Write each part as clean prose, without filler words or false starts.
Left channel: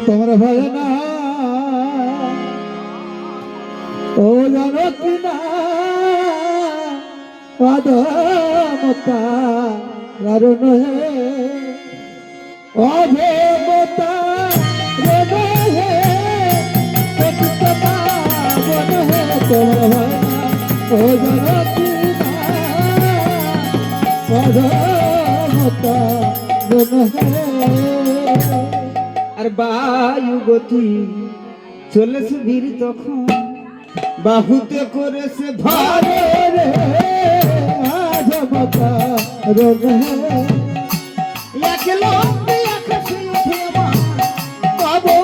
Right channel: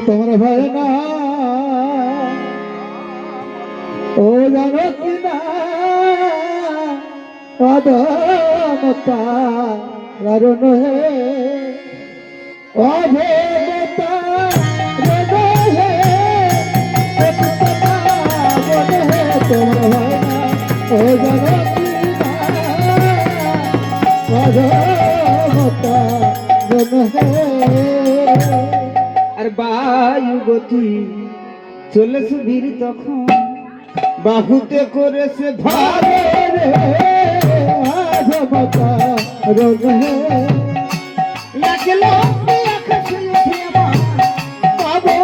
তোমরা ভয় না ও জানো কি না অধমতা কারণ হে অধমতা হে তোমরা ভয় না ও জানো কি না অধমতা আর বায়ু গতি চলেছে বীর তখন বাহুতে করেছে ধরে রে আধমতা রোগ হে একলা আকাশে উঠে পাবো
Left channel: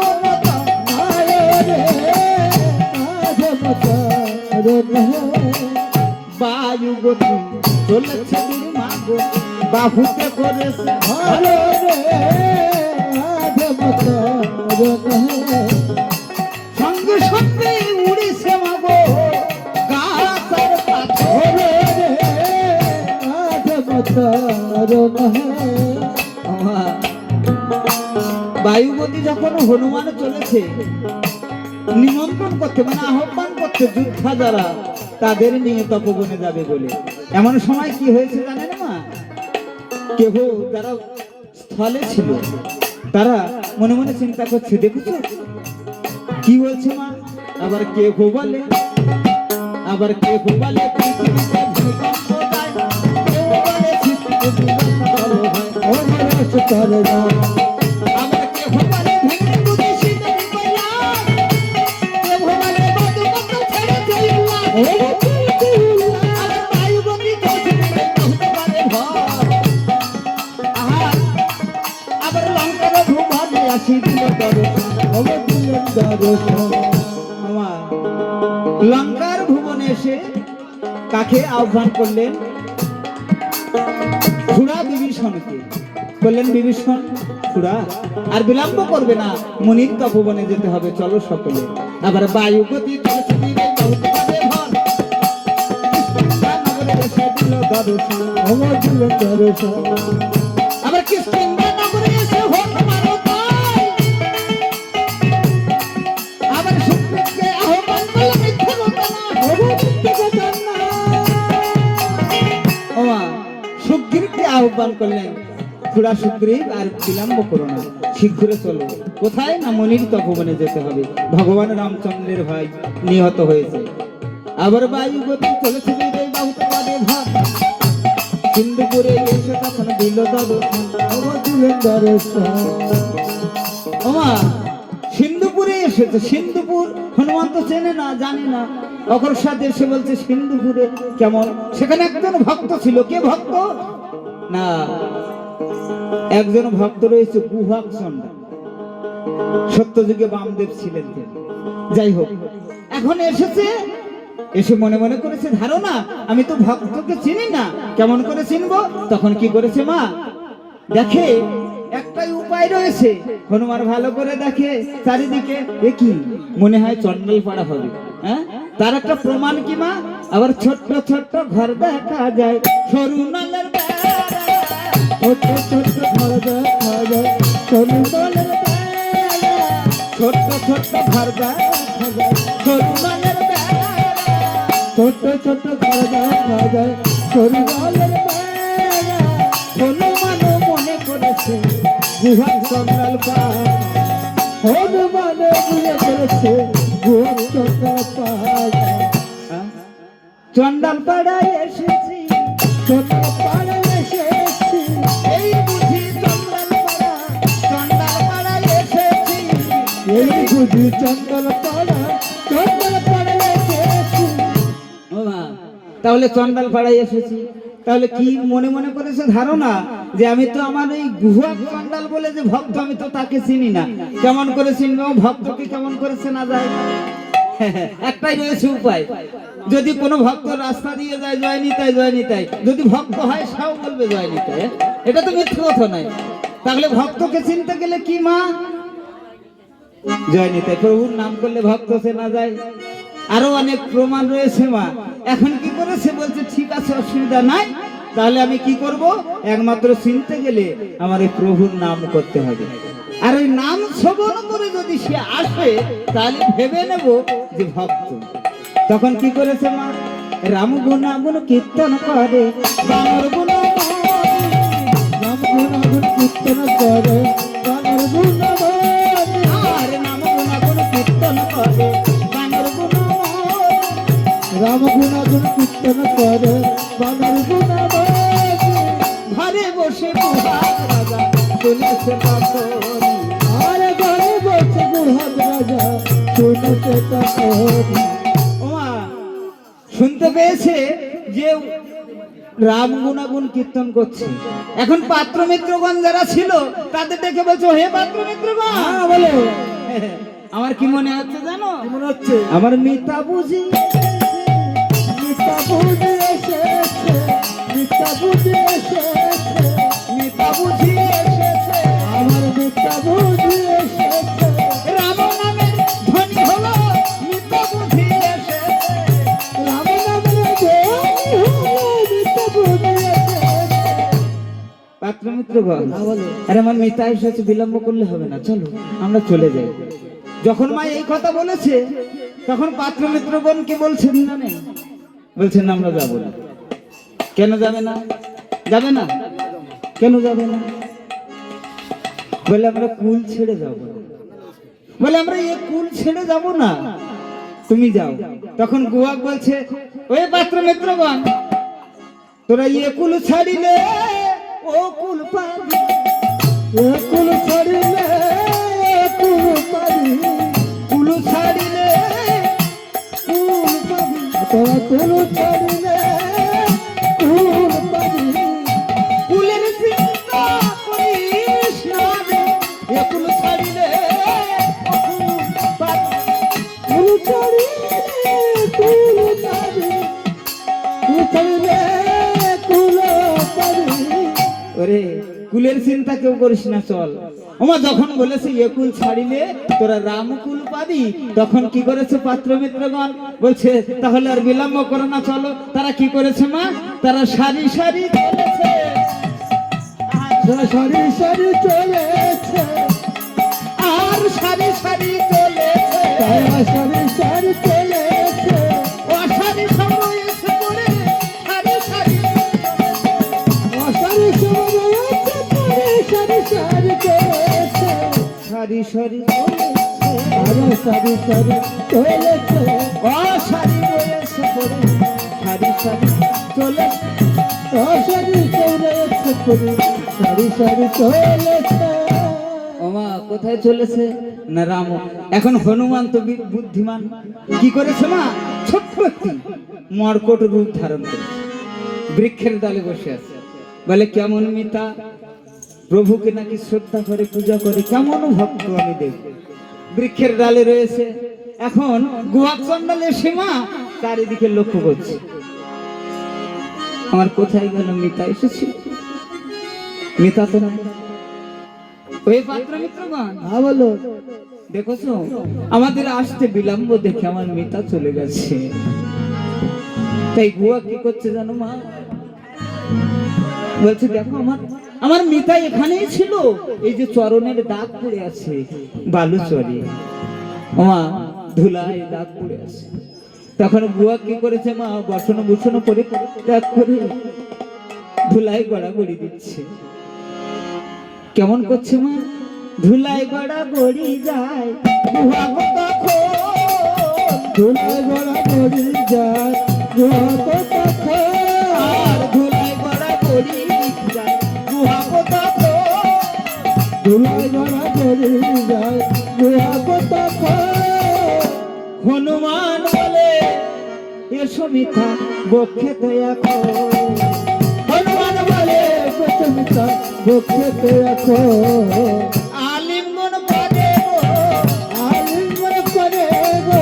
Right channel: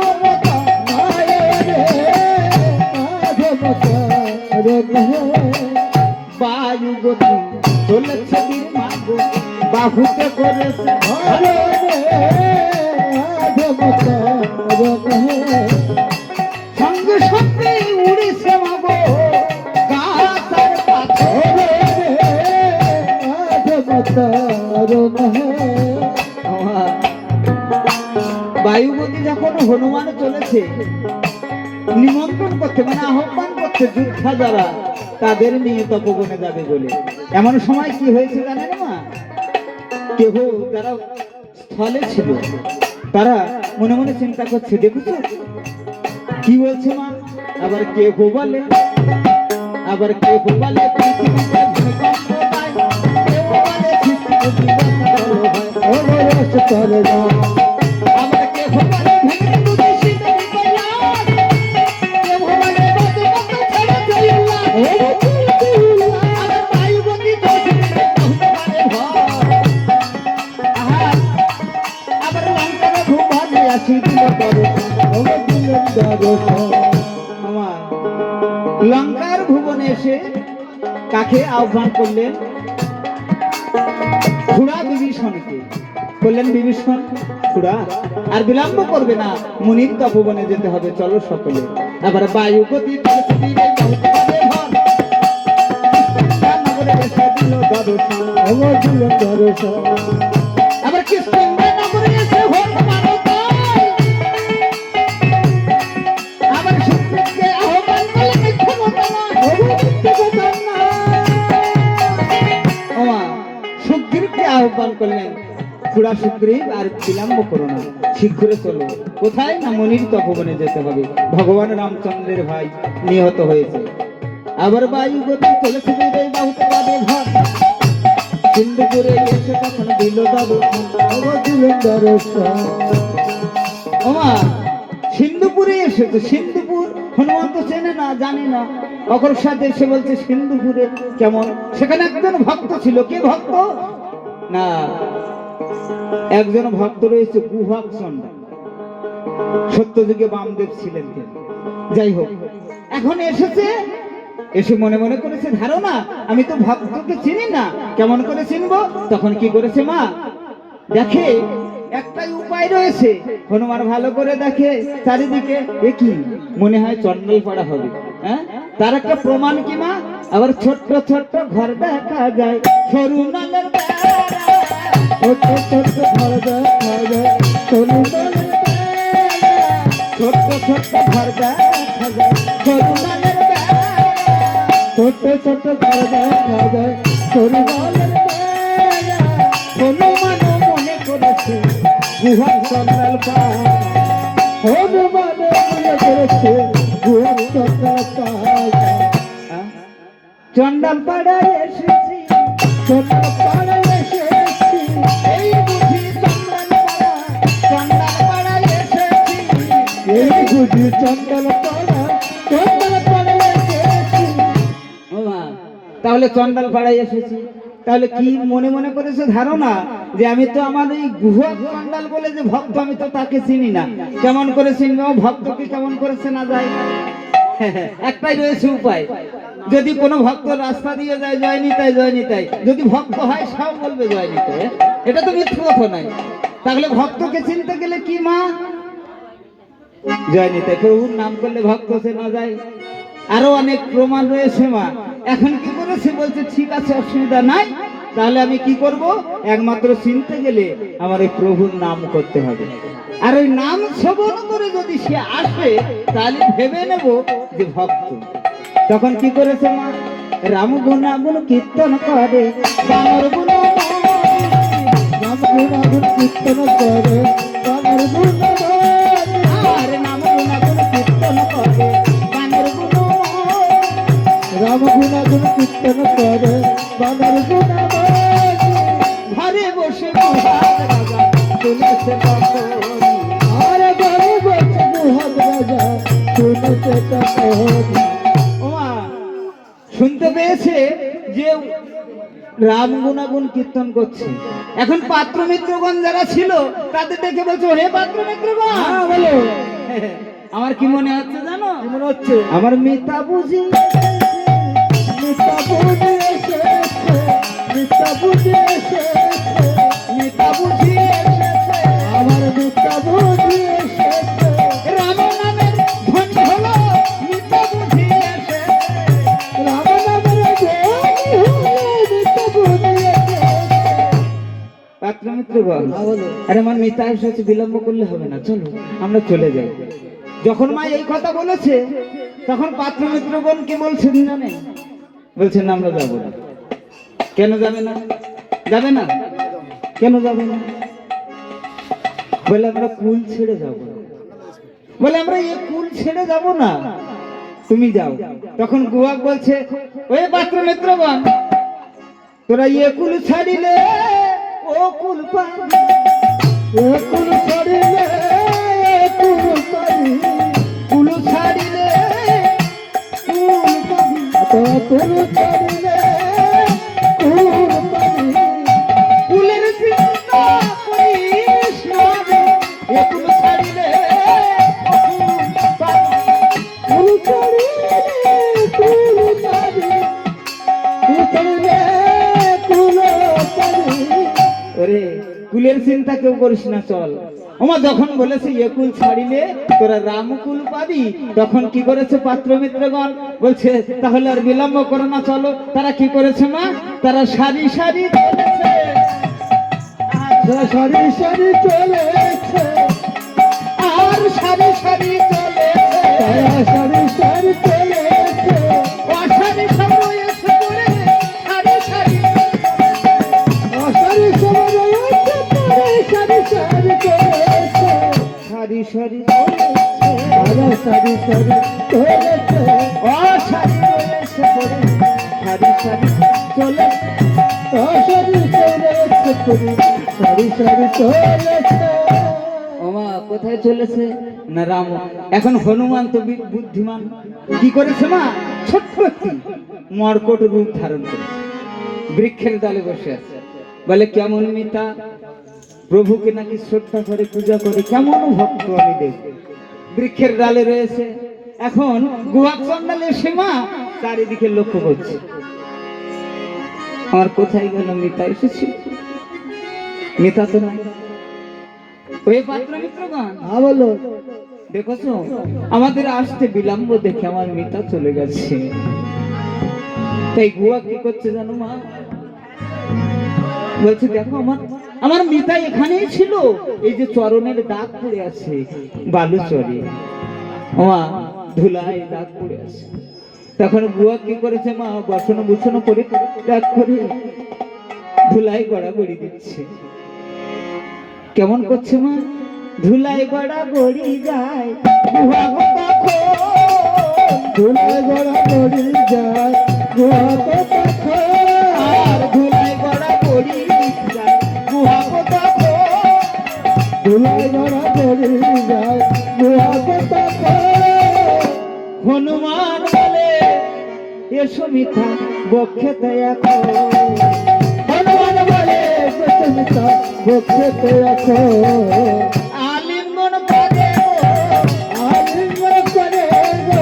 রে আধমতা রোগ হে বায়ু গতি চলেছে বীর মাগো বাহুতে করেছে ধরে রে আধমতা রোগ হে সঙ্গে সঙ্গে উড়েছে মাগো গাছার পাথরে রে আধমতা রোগ হে বায়ুবতী যখন হনুমান চলেছে নিমন্ত্রণ করতে মানে আহ্বান করতে যোদ্ধা যারা তাদের নিয়ে তপবনে যাবে বলে এমন সময় কি হয়েছে জানেন মা কেহ যারা স্থলে ছিল তারা মনে মনে চিন্তা করছে দেখেছো কি বলছে মা আবার কেহ বলে আবার কেহ বলে লঙ্কার ভুবনে এসে কাকে আহ্বান করলেন খুড়া বিভীষণকে বললেন বিভীষণ খুড়া আর বিলম্ব করবে না মুনির তপবনে যেতে হবে চলো সকলে আবার বায়ু গতি আবার কিষ্কিন্ধা নগরে এসে আহ্বান করলেন খুড়া সুগ্রীব আর বিলম্ব করো না শীঘ্র চলো কোথায় না মুনির তপবনে যেতে হবে ভগবান রামচন্দ্রের ভাই নিহত হয়েছে আবার বায়ু গতি চলেছে সিন্ধুপুরে এসে তখন দিল সিন্ধুপুরে এসেছে সিন্ধুপুর হনুমান তো চেনে না জানি না অকর সাথে এসে বলছে সিন্ধুপুরে কেমন সেখানে একজন ভক্ত ছিল কে ভক্ত না একজন ভক্ত রয়েছে গুহক চণ্ডাল সত্যযুগে বামদেব ছিলেন যাই হোক এখন এসেছে এসে মনে মনে করেছে ধারণা আমি তো ভক্তকে চিনি না কেমন করে চিনবো তখন কি করেছে মা দেখে একটাই উপায় রয়েছে হনুমান ভালো করে দেখে চারিদিকে কি মনে হয় চন্ডাল পাড়া হবে হ্যাঁ তার একটা প্রমাণ কি মা আবার ছোট্ট ছোট্ট ঘর দেখা যায় সরু নালের ছোট্ট ছোট্ট ঘর দেখা যায় সরু নালের ছোট্ট ছোট্ট ঘর দেখা যায় সরু নালের ছোট্ট ছোট্ট ঘর দেখা যায় সরু নালের হনুমান মনে করেছে গুহা চন্ডাল পাড়া হনুমান মনে করেছে গুহা চন্ডাল পাড়া চন্ডাল পাড়ায় এসেছি চন্ডাল পাড়ায় এসেছি এই বুঝি চন্ডাল পাড়ায় এসেছি এই বুঝি চন্ডাল পাড়ায় এসেছি তাহলে চন্ডাল পাড়ায় এসেছি তাহলে কি মনে মনে করেছে ধারণা যে আমি তো আমার এই গুহা চন্ডাল বলে যে ভক্ত আমি তো তাকে চিনি না কেমন করে চিনবো ভক্তকে কেমন করে চেনা যায় একটাই রয়েছে উপায় যদি কোনো ভক্ত রাস্তা দিয়ে যায় জয় নিতাই যদি ভক্ত হয় সেও বলবে জয় নিতাই এটা তো মিথ্যা কথা নয় তাহলে ভক্তকে চিনতে গেলে কি মা জয় নিতাই প্রভুর নাম করলে ভক্ত চেনা যায় আরো অনেক প্রমাণ রয়েছে মা এখন কি করেছে বলছে ঠিক আছে অসুবিধা নাই তাহলে আমি কি করব? একমাত্র চিনতে গেলে আমার এই প্রভুর নাম করতে হবে। আর ওই নাম শ্রবণ করে যদি সে আসে তাহলে ভেবে নেব যে ভক্ত। তখন কি করেছে মা? রাম গুণাগুণ কীর্তন করে, বানর গুণ নাম গুণাগুণ কীর্তন করে বানর গুণবান। আর নাম গুণাগুণ কীর্তন করে বানর গুণ। রাম গুণাগুণ কীর্তন করে বানর গুণবান। ঘরে বসে গুহার রাজা চলেছে তখন। আরে ঘরে বসে গুহার রাজা শুনেছে তখন। ওমা শুনতে পেয়েছে যে রাম গুণাগুণ কীর্তন করছে। এখন পাত্র মিত্রগণ যারা ছিল তাদের দেখে বলছো, হে পাত্র মিত্রগণ, হ্যাঁ বলো, আমার কি মনে হচ্ছে জানো? কি মনে হচ্ছে? আমার মিতা বুঝি মিথ্যা বুঝি এসেছে, মিথ্যা বুঝি এসেছে, মিতা বুঝি এসেছে। আমার মিথ্যা বুঝি এসেছে। রাম নামের ধ্বনি হলো মিতা বুঝি এসেছে। রাম নামের ধ্বনি হলো মিথ্যা বুঝি এসেছে। পাত্র মিত্রগণ, হ্যাঁ বলো। আরে আমার মিতা এসেছে, বিলম্ব করলে হবে না, চলো আমরা চলে যাই। যখন মা এই কথা বলেছে তখন পাত্র মিত্রগণ কি বলছেন জানেন? বলছেন আমরা যাবো না। কেন যাবে না? যাবে না কেন যাবে না? বলে আমরা কুল ছেড়ে যাব না। বলে আমরা এই কুল ছেড়ে যাব না, তুমি যাও। তখন গুয়াক বলছে, ওই পাত্র মিত্রগণ, তোরা এ কুল ছাড়িলে ও কুল পাবি। এ কুল ছাড়িলে কুল পাবি, কুল ছাড়িলে কুল পাবি। কুল ছাড়িলে কুল পাবি। কুলের চিন্তা করিস না রে, এ কুল ছাড়িলে কুল পাবি। কুল ছাড়িলে কুল পাবি, কুল ছাড়িলে কুল পাবি। ওরে কুলের চিন্তা কেউ করিস না, চল। ওমা যখন বলেছে এ কুল ছাড়িলে তোরা রাম কুল পাবি, তখন কি করেছে পাত্র মিত্রগণ? বলছে তাহলে আর বিলম্ব করো না, চলো। তারা কি করেছে মা? তারা সারি সারি চলেছে। সারি সারি চলেছে, আর সারি সারি চলেছে। তারা সারি সারি চলেছে। অসারি সময় এসে পড়ে সারি সারি সারি সব রয়েছে পরে সারি সারি চলেছে। সারি সারি তারা সারি সারি চলেছে। অসারি রয়েছে পড়ে সারি সারি চলেছে। সারি চলেছে পরে সারি সারি চলেছে। ওমা কোথায় চলেছে না? রাম। এখন হনুমান তো বুদ্ধিমান, কি করেছে মা? ছোট্ট একটি মর্কট রূপ ধারণ করেছে, বৃক্ষের ডালে বসে আছে। বলে কেমন মিতা, প্রভুকে নাকি শ্রদ্ধা করে পূজা করে, কেমন ভক্ত আমি দেখব। বৃক্ষের ডালে রয়েছে। এখন গুহা চন্ডালে এসে মা চারিদিকে লক্ষ্য করছে, আমার কোথায় গেল মিতা এসেছে? মিতা তো নাই। ওই পাত্র মিত্রগণ, হ্যাঁ বলো, দেখছো আমাদের আসতে বিলম্ব দেখে আমার মিতা চলে গেছে। তাই গুয়া কি করছে জানো মা? বলছে দেখো আমার মিতা এখানেই ছিল, এই যে চরণের দাগ পড়ে আছে বালু চরে, মা ধুলায় দাগ পড়ে আছে। তখন গুয়া কি করেছে মা? বসন বুসন করে ত্যাগ করে ধুলায় গড়াগড়ি দিচ্ছে। কেমন করছে মা? ধুলায় গড়াগড়ি যায় গুহা তখন, ধুলায় গড়া গড়ি যায় গুহা তখন। আর ধুলায় গড়াগড়ি যায় গুহা তখন। ধুলায় গড়া গড়ি যায় গুহা তখন। হনুমান বলে এসো মিথ্যা বক্ষেতে এখন। হনুমান বলে মিথ্যা বক্ষেতে এখন। আলিঙ্গন করে আলিঙ্গন করে গো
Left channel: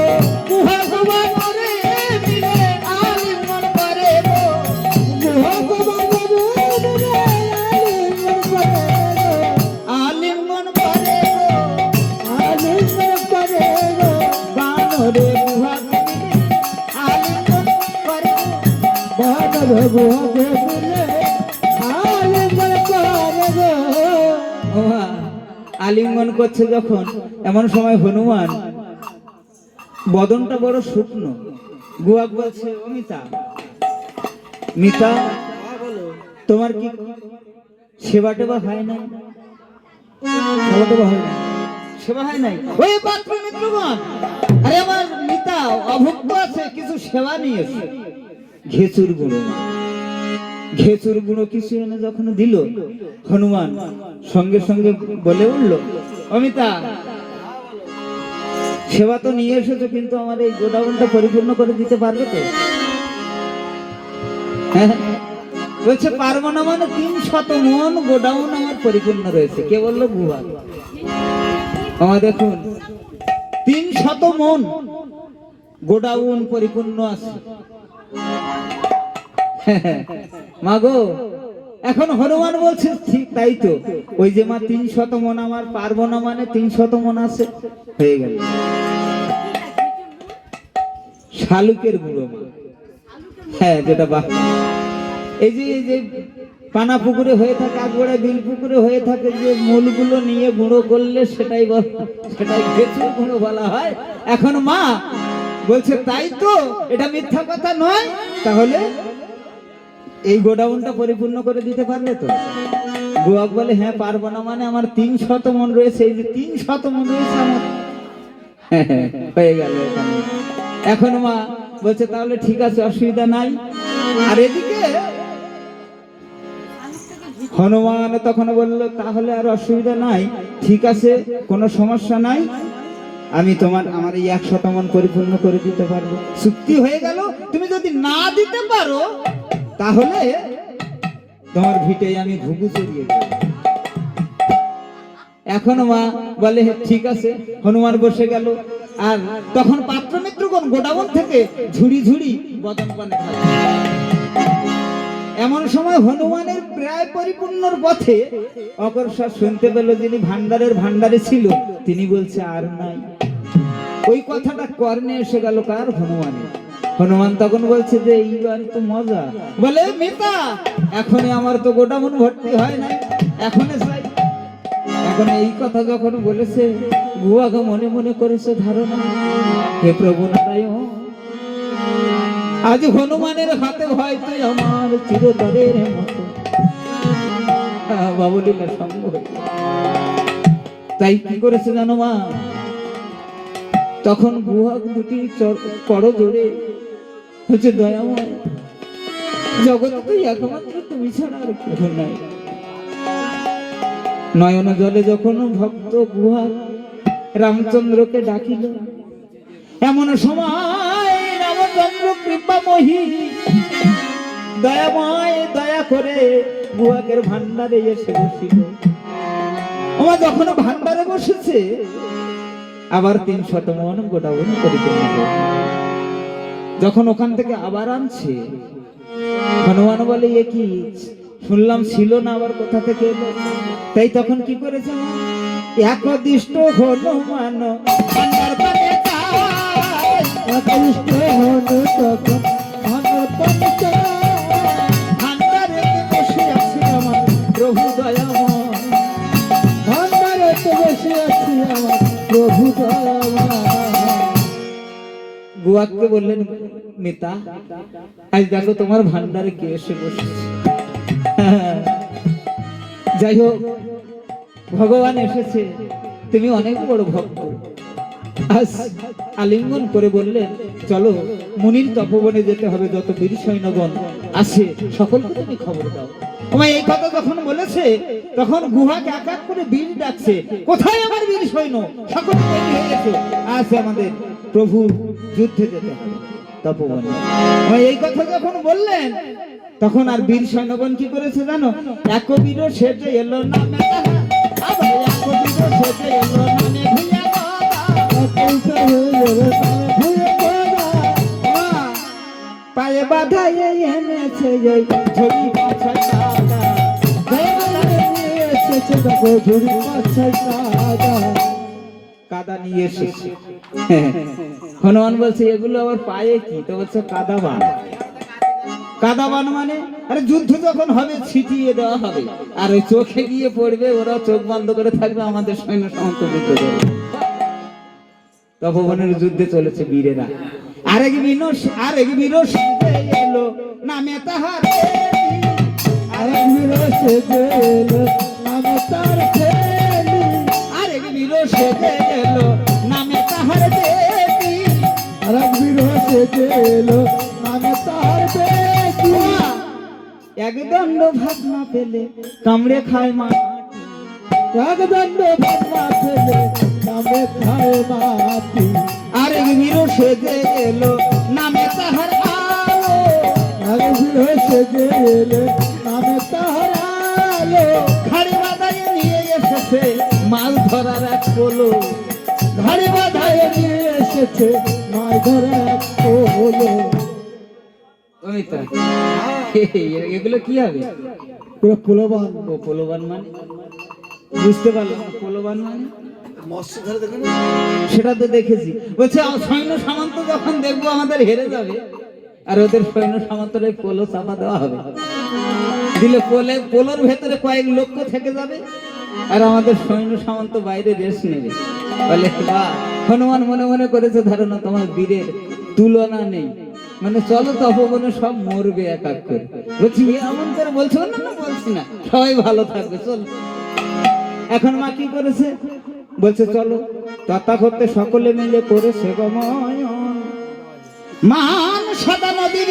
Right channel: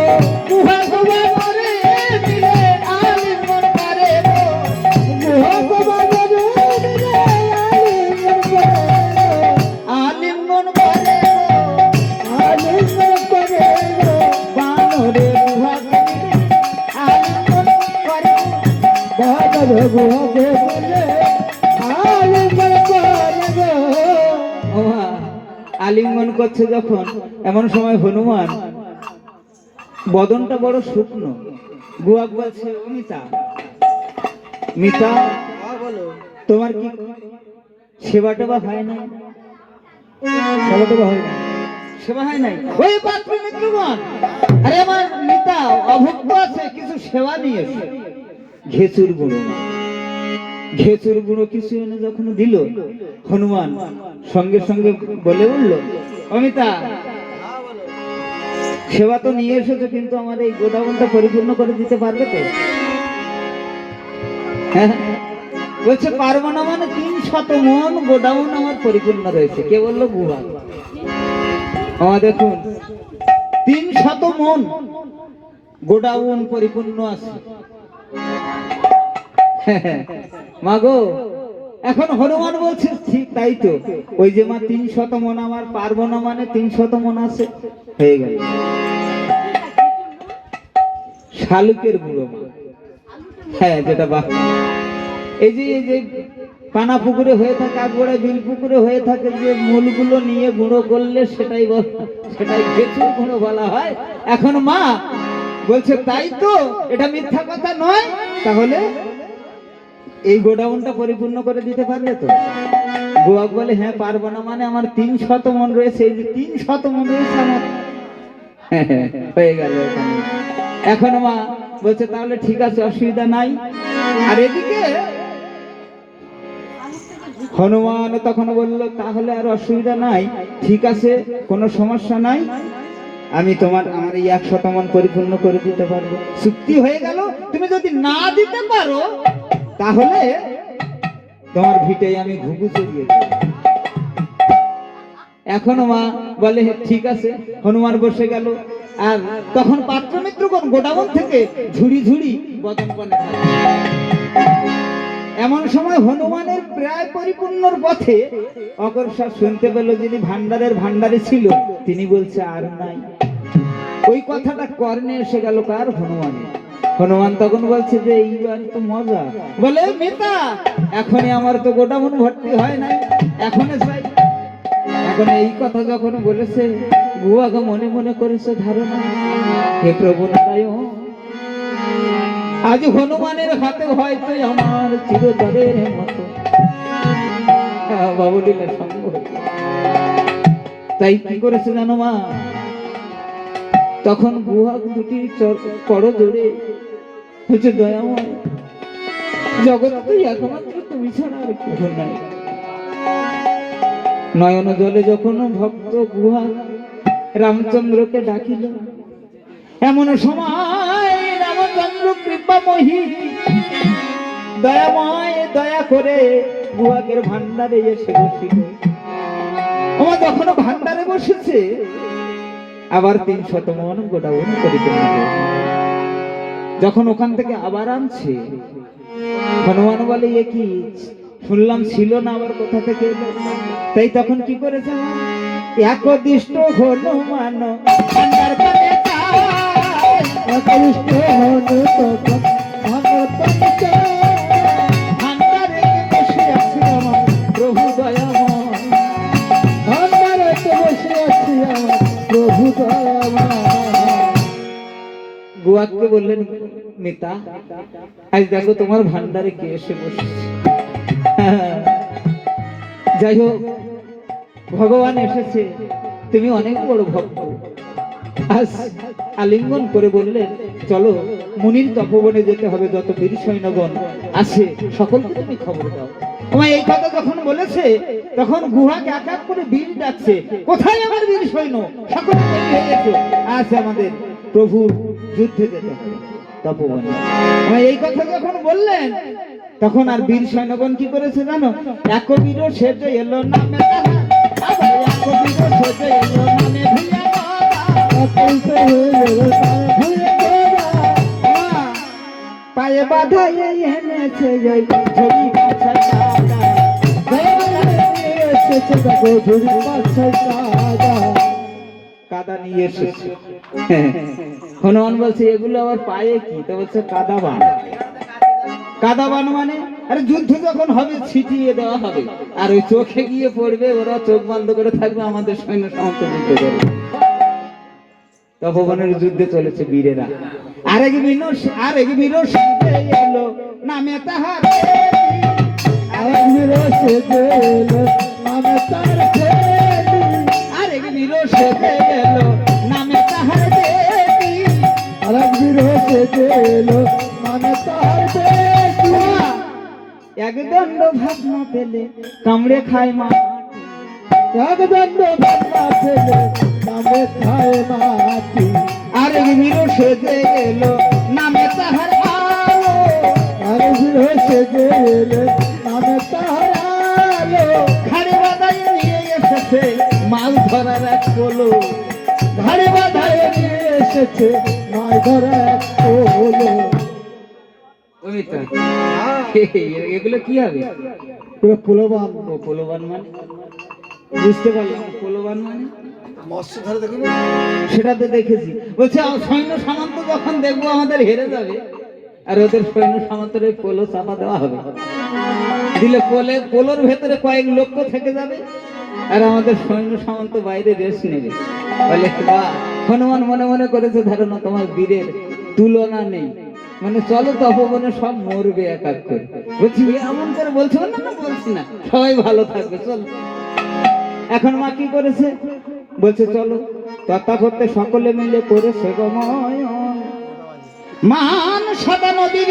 গুহা গুহা করে মিলে, আলিঙ্গন করে গুহা বাবা বাবু দিলে আলিঙ্গন করে আলিঙ্গন করে আলিঙ্গন করে গো বানরে গুহা আলিঙ্গন করে। বাবা গুহা বলে আলিঙ্গন করছে যখন, এমন সময় হনুমান বদনটা বড় শুকনো। গুয়াক বলছে, ও মিতা, মিতা তোমার কি সেবা টেবা হয় না? সেবা টেবা হয় না, সেবা হয় নাই। ওই পাত্র মিত্রগণ, আরে আমার মিতা অভুক্ত আছে, কিছু সেবা নিয়েছে। ঘেচুর গুঁড়ো, ঘেচুর গুঁড়ো কিছু এনে যখন দিল, হনুমান সঙ্গে সঙ্গে বলে উঠল, অমিতা সেবা তো নিয়ে এসেছো, কিন্তু আমার এই গোডাউনটা পরিপূর্ণ করে দিতে পারবে তো? হ্যাঁ, বলছে পারবো না, মানে 300 মন গোডাউন আমার পরিপূর্ণ রয়েছে। কে বললো? বুয়া। আমার দেখুন 300 মন গোডাউন পরিপূর্ণ আছে। মাগো, এখন হনুমান বলছে ঠিক তাই তো, ওই যে মা 300 মন আমার পারবো না, মানে 300 মন আছে, হয়ে গেল। শালুকের গুঁড়ো, হ্যাঁ, যেটা এই যে পানা পুকুরে হয়ে থাকে, আগোড়া বিল পুকুরে হয়ে থাকে, যে মূলগুলো নিয়ে গুঁড়ো করলে সেটাই ঘেঁচুর গুঁড়ো বলা হয়। এখন মা বলছে তাই তো, এটা মিথ্যা কথা নয়, তাহলে এই গোডাউনটা পরিপূর্ণ করে দিতে পারবে তো? গোয়াক বলে, হ্যাঁ পারবো না, মানে আমার 300 মন রয়েছে, এই যে 300 মন রয়েছে আমার। হয়ে গেল। এখন মা বলছে তাহলে ঠিক আছে, অসুবিধা নাই। আর এদিকে হনুমান তখন বলল, তাহলে আর অসুবিধা নাই, ঠিক আছে, কোনো সমস্যা নাই, আমি আমার এই 100 মন পরিপূর্ণ করে দিতে পারবো। চুক্তি হয়ে গেল। তুমি যদি না দিতে পারো, তাহলে তোমার ভিটে আমি ঘুঘু চড়িয়ে দেব। এখনো মা বলে ঠিক আছে। হনুমান বসে গেল। আর তখন পাত্র মিত্রগণ গোডাউন থেকে ঝুড়ি ঝুড়ি বদন পানে খায়। এমন সময় হনুমানের প্রায় পরিপূর্ণর পথে অকর্ষা শুনতে পেল, যিনি ভান্ডারের ভান্ডারে ছিল, তিনি বলছে আর নাই। ওই কথাটা কর্ণে এসে গেল কার? হনুমানের। হনুমান তখন বলছে যে এইবার তো মজা। বলে, মিতা এখনই আমার তো গোডাউন ভর্তি হয় না, এখনই চাই। এখন এই কথা যখন বলেছে, গুয়াকে মনে মনে করেছে ধারণা, হে প্রভু নারায়ণ, আজ হনুমানের হাতে হয়তো আমার চিরতরের মতো বাবুলীলা সঙ্গ। তাই কি করেছে জানো মা? তখন গুহাক দুটি করো জোরে হচ্ছে, দয়াময়, জগৎ তুই একমাত্র, তুমি ছাড়া আর কেউ নাই। নয়ন জলে যখন ভক্ত গুহা রামচন্দ্রকে ডাকিল, এমন সময় রামচন্দ্র কৃপাময়ী দয়াময় দয়া করে গুহাকের ভান্ডারে এসে বসিল। আমার যখন ভান্ডারে বসেছে, আবার 300 মন গোডাউন পরিপূর্ণ হয়ে যখন ওখান থেকে আবার আনছে, হনুমান বলে, এ কি শুনলাম ছিল না, আবার কোথা থেকে এলো? তাই তখন কি করেছে? একদিষ্ট হনুমান ভান্ডার পানে একদিষ্ট হনু তখন ভান্ডার পানে ভান্ডারে বসে আছে আমার প্রভু দয়াময়, ভান্ডারে বসে আছে আমার প্রভু দয়াময়। গুয়াকে বললেন, মিতা আজ দেখো তোমার ভান্ডারে কে এসে বসেছে। যাই হোক, ভগবান এসেছে, তুমি অনেক বড় ভক্ত। আজ আলিঙ্গন করে বললেন, চলো মুনির তপবনে যেতে হবে, যত বীর সৈন্যগণ আছে সকলকে তুমি খবর দাও। তোমায় এই কথা যখন বলেছে, তখন গুহাকে এক এক করে বীর ডাকছে, কোথায় আমার বীর সৈন্য? সকলে তৈরি হয়ে গেছে, আজ আমাদের প্রভু যুদ্ধে যেতে হবে তপবনে। এই কথা যখন বললেন, তখন আর বীর সৈন্যগণ কি করেছে জানো? এক বীর সেজে এলো না মেলা, আবার এক বীর সেজে এলো না ভুলে পায়ে বাধা এনেছে ঝুড়ি কাদা নিয়ে এসেছে। হনুমান বলছে, এগুলো আবার পায়ে কি? তো বলছে কাদা বান। কাদাবান মানে আরে যুদ্ধ যখন হবে ছিটিয়ে দেওয়া হবে, আর ওই চোখে গিয়ে পড়বে, ওরা চোখ বন্ধ করে থাকবে, আমাদের সৈন্য সামন্ত যুদ্ধ করবে। তপবনের যুদ্ধে চলেছে বীরেরা। আরেক বীর সেজে এলো নামে তাহার আরেক বীর সেজে এলো নামে তার দেবী। আরেক বীর সেজে এলো নামে তাহার দেবী। আরেক বীর সেজে এলো নামে তার দেবী। একদণ্ড ভাত না পেলে কামড়ে খায় মা, একদণ্ড ভাত না পেলে নামে খায় মাটি। আরেক বীর সেজে এলো নামে তাহার আলো। আরেক বীর সেজে এলো নামে তার আলো। ঘাড়ে বাঁধায় নিয়ে এসেছে মাছ ধরার এক পোলো। ঘাড়ে বাঁধায় নিয়ে এসেছে মাছ ধরা এক পোলো। ওই তো এগুলো কি হবে? পোলোবান। ও পোলোবান মানে বুঝতে পারলাম না। পোলোবান মানে সেটা তো দেখেছি। বলছে সৈন্য সামন্ত যখন দেখবো আমাদের হেরে যাবে, আর ওদের সৈন্য সামন্তের ওই পোলো চাপা দেওয়া হবে, দিলে পোলোর ভেতরে কয়েক লক্ষ থেকে যাবে, আর আমাদের সৈন্য সামন্ত বাইরে রেস্ট নেবে। বলে বাহ, হনুমান মনে মনে করেছে ধারণা তোমার বীরের তুলনা নেই, মানে চলো তপবনে সব মরবে এক এক করে। বলছি এমন করে বলছো না? না বলছি না, সবাই ভালো থাকবে চল। এখন মা কি করেছে? বলছে চলো তথাকথিত সকলে মিলে করেছে গময়। মান সদা নদীর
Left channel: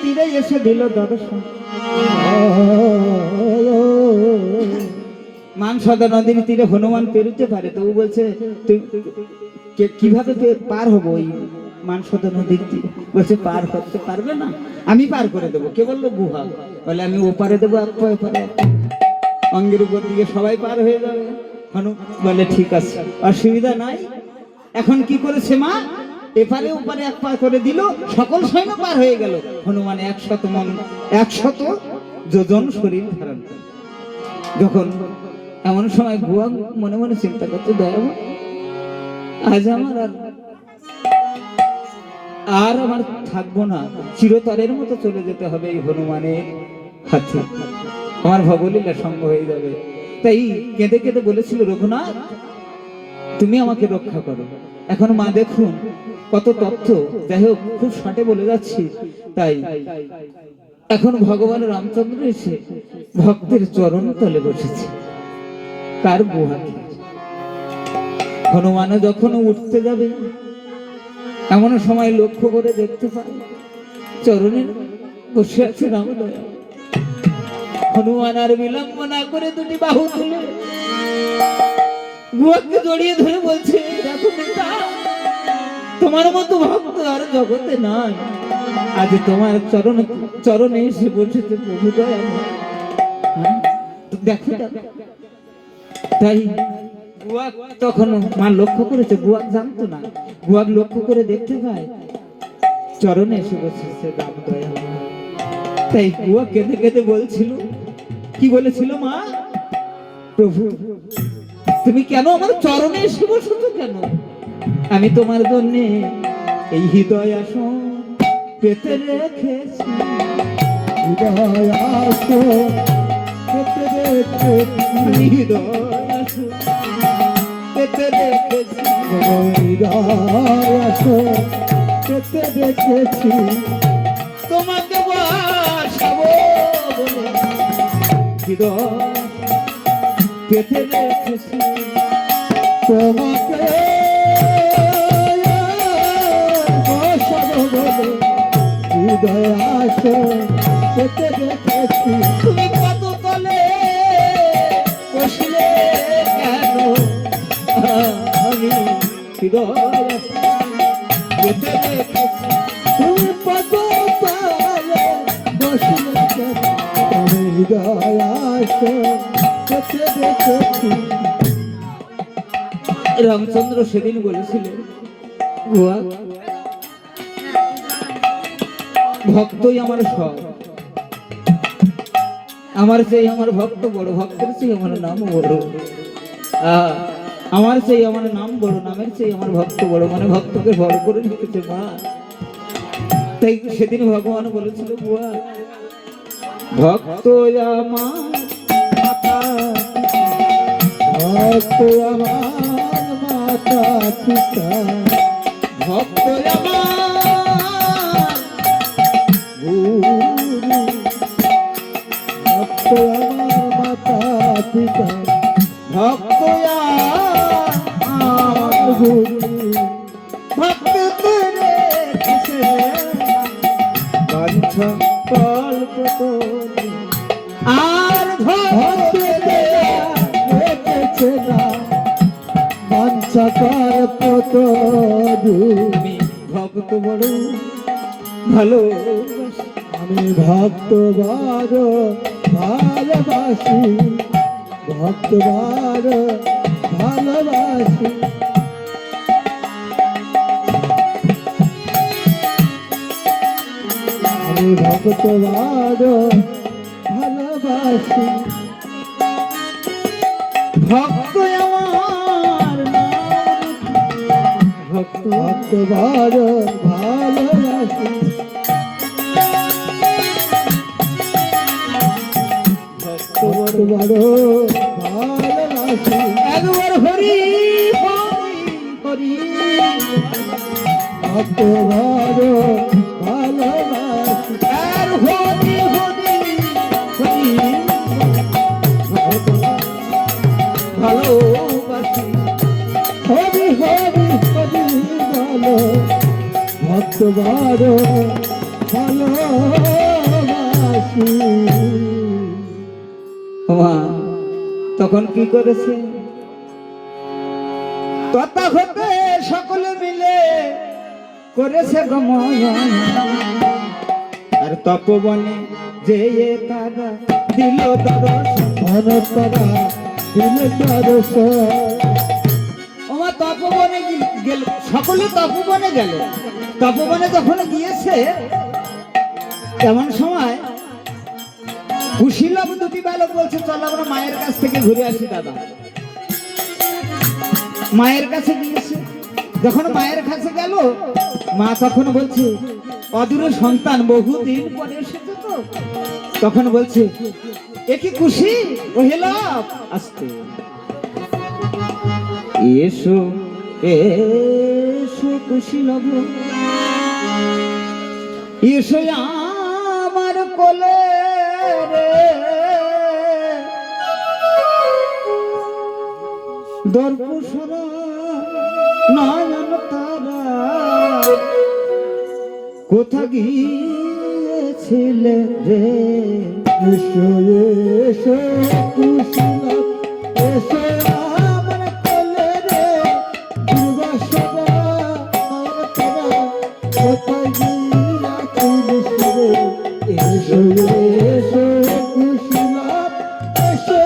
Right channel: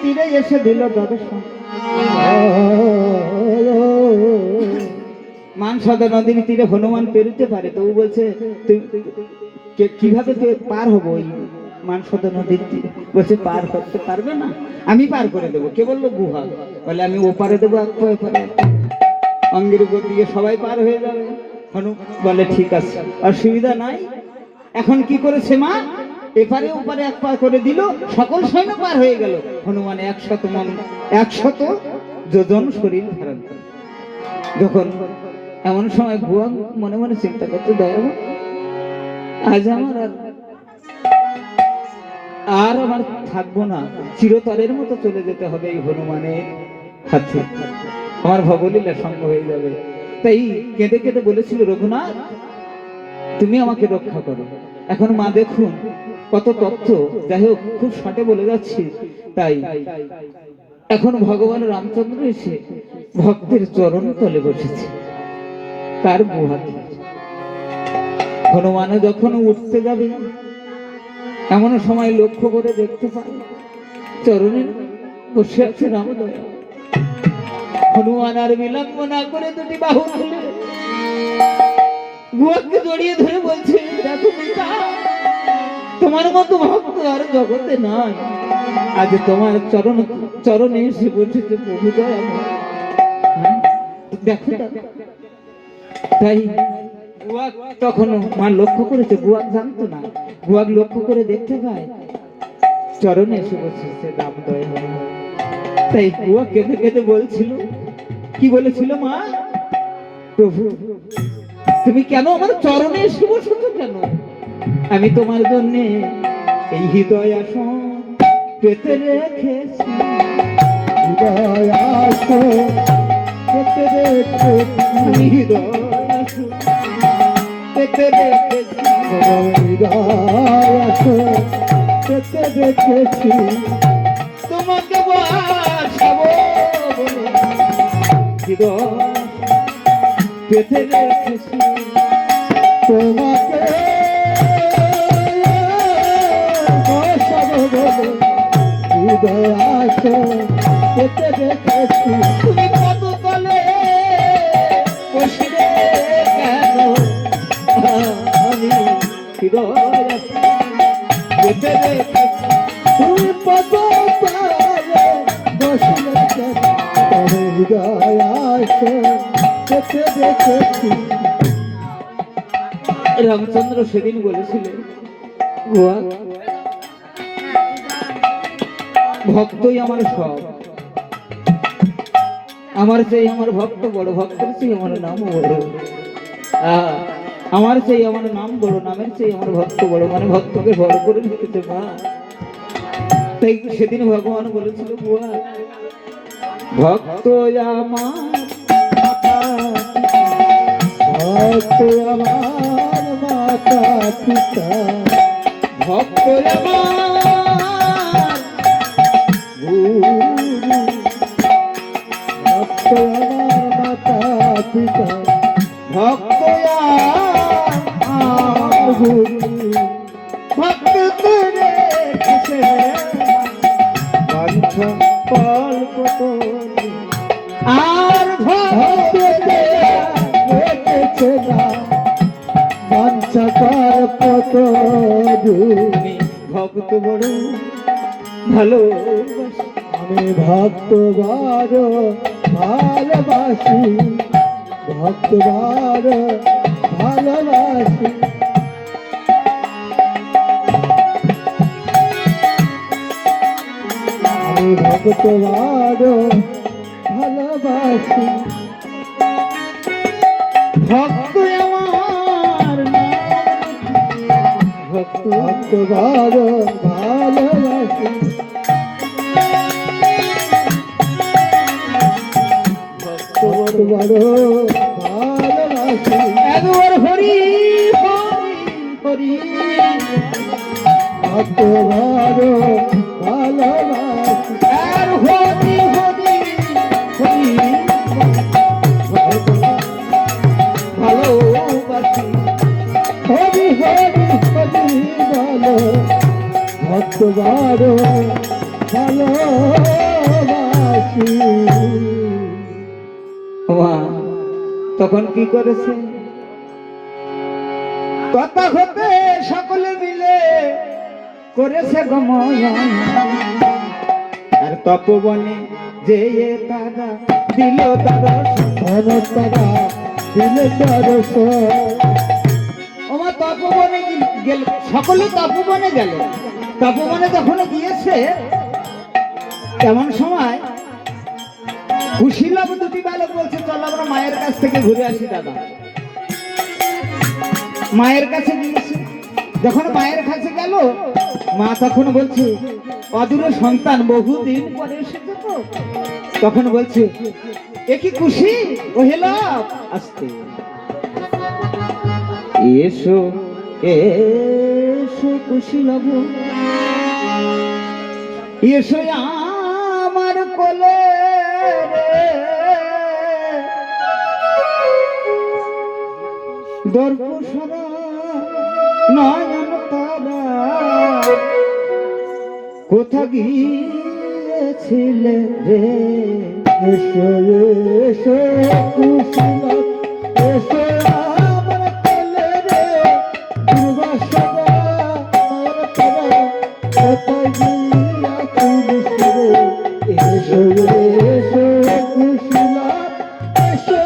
তীরে এসে দিল দর্শন। মান সদা নদীর তীরে হনুমান পেরুতে পারে, তো ও বলছে তুই কিভাবে পার হবো ওই মান সদা নদীর তীরে? বলছে পার করতে পারবে না, আমি পার করে দেবো। কে বললো? গুহা। বলে আমি ওপারে দেবো, এক পায়ে পারে, অঙ্গের উপর দিয়ে সবাই পার হয়ে যাবে। হনু বলে ঠিক আছে, অসুবিধা নাই। এখন কি করেছে মা? এপারে ওপারে এক পা করে দিল, সকল সৈন্য পার হয়ে গেল। হনুমান 100 যোজন শরীর ধারণ করে। যখন এমন সময় বুয়া মনে মনে চিন্তা করতে, দয়াবু আজ আমার থাকবো না, চিরতরের মতো চলে যেতে হবে এই হনুমানের হাতে, আমার ভবলীলা সঙ্গ হয়ে যাবে। তাই কেঁদে কেঁদে বলেছিল, রঘুনাথ তুমি আমাকে রক্ষা করো। এখন মা দেখুন কত তথ্য, যাই হোক খুব শর্টে বলে যাচ্ছি। তাই এখন ভগবান রামচন্দ্র এসে ভক্তের চরণ তলে বসেছে, তার গুহাতে। হনুমানও যখন উঠতে যাবে, এমন সময় লক্ষ্য করে দেখতে পায় চরণে বসে আছে রামদয়া। হনুমান আর বিলম্ব না করে দুটি বাহু তুলে গুহাকে জড়িয়ে ধরে বলছে, দেখো নেতা, তোমার মতো ভক্ত আর জগতে নাই, আজ তোমার চরণে এসে বসেছে প্রভু দয়াময়। দেখো তাই গুয়া তখন মা লক্ষ্য করেছে, গুয়া জানতো না, গুয়া লক্ষ্য করে দেখতে পায় চরণে এসে বসেছে রাম দয়াময়। তাই গুয়া কেঁদে কেঁদে বলছিল, কি বলেছিল মা? প্রভু তুমি কেন আমার চরণে এসে বসেছো কেন? আমি তোমার জন্য এই হৃদয় আসন পেতে রেখেছি। হৃদয় আসন পেতে রেখেছি। আমি হৃদয় আসন পেতে রেখেছি। হৃদয় আসন পেতে রেখেছি। তোমাকে বাসাবো বলে হৃদয় পেতে রেখেছি। তোমাকে বসাবো বলে হৃদয় আসন পেতে রেখেছি। তুমি কত তলে বসলে কেন? আমি হৃদয় পেতে রেখেছি। তুমি কত তলে বসলে কেন? তবে হৃদয় আসন পেতে রেখেছি। রামচন্দ্র সেদিন বলেছিলেন, গুয়া ভক্তই আমার সব, আমার চেয়ে আমার ভক্ত বড়, ভক্তের চেয়ে আমার নাম বড়। আমার চেয়ে আমার নাম বড়, নামের চেয়ে আমার ভক্ত বড়, মানে ভক্তকে বড় করে দিতেছে মা। তাই সেদিন ভগবান বলেছিল বুয়া ভক্ত আমার ভক্ত আমার মাতা পিতা ভক্ত আমার গুরু ভক্ত আমার মাতা পিতা ভক্ত আর গুরু ভক্ত তোরে কিসে বাঞ্ছা কল্পতরু আর ভক্ত রেখেছে না বাঞ্ছা কল্পতরু আমি ভক্ত বড় ভালোবাসি আমি ভক্ত বড় ভালোবাসি ভক্ত বড় ভালোবাসি আমি ভক্ত বড় ভালোবাসি ভক্ত আমার ভক্ত ভক্ত বড় ভালোবাসি ভক্ত ভক্ত বড় ভালোবাসি একবার হরি হরি হরি ভক্ত বড় ভালোবাসি আর হরি হরি হরি ভালোবাসি হরি হরি হরি বলো ভক্ত বড় ভালোবাসি ওমা, তখন কি করেছে তথাগতে সকলে মিলে করেছে গমন আর তপবনে যে তারা দিল দর্শন ধনতারা দিলে দর্শন ওমা তপবনে গেল সকলে তপবনে গেল তপবনে যখন গিয়েছে তেমন সময় কুশীলব দুটি বালক বলছে চল আমরা মায়ের কাছ থেকে ঘুরে আসি দাদা মায়ের কাছে গিয়েছে যখন মায়ের কাছে গেল মা তখন বলছে অদূর সন্তান বহুদিন পরে এসেছে তো তখন বলছে এ কি খুশি ও হেলা আসতে এসো এসো কুশীলব এসো আমার কোলে রে দর্পসরা নয়ন তারা কোথা গিয়েছিলে রে এসো এসো কুশলা এসো আমার কোলে রে দুর্বাসনা নয়নতারা কোথায় গিয়াছিলিস রে এসো এসো কুশলা এসো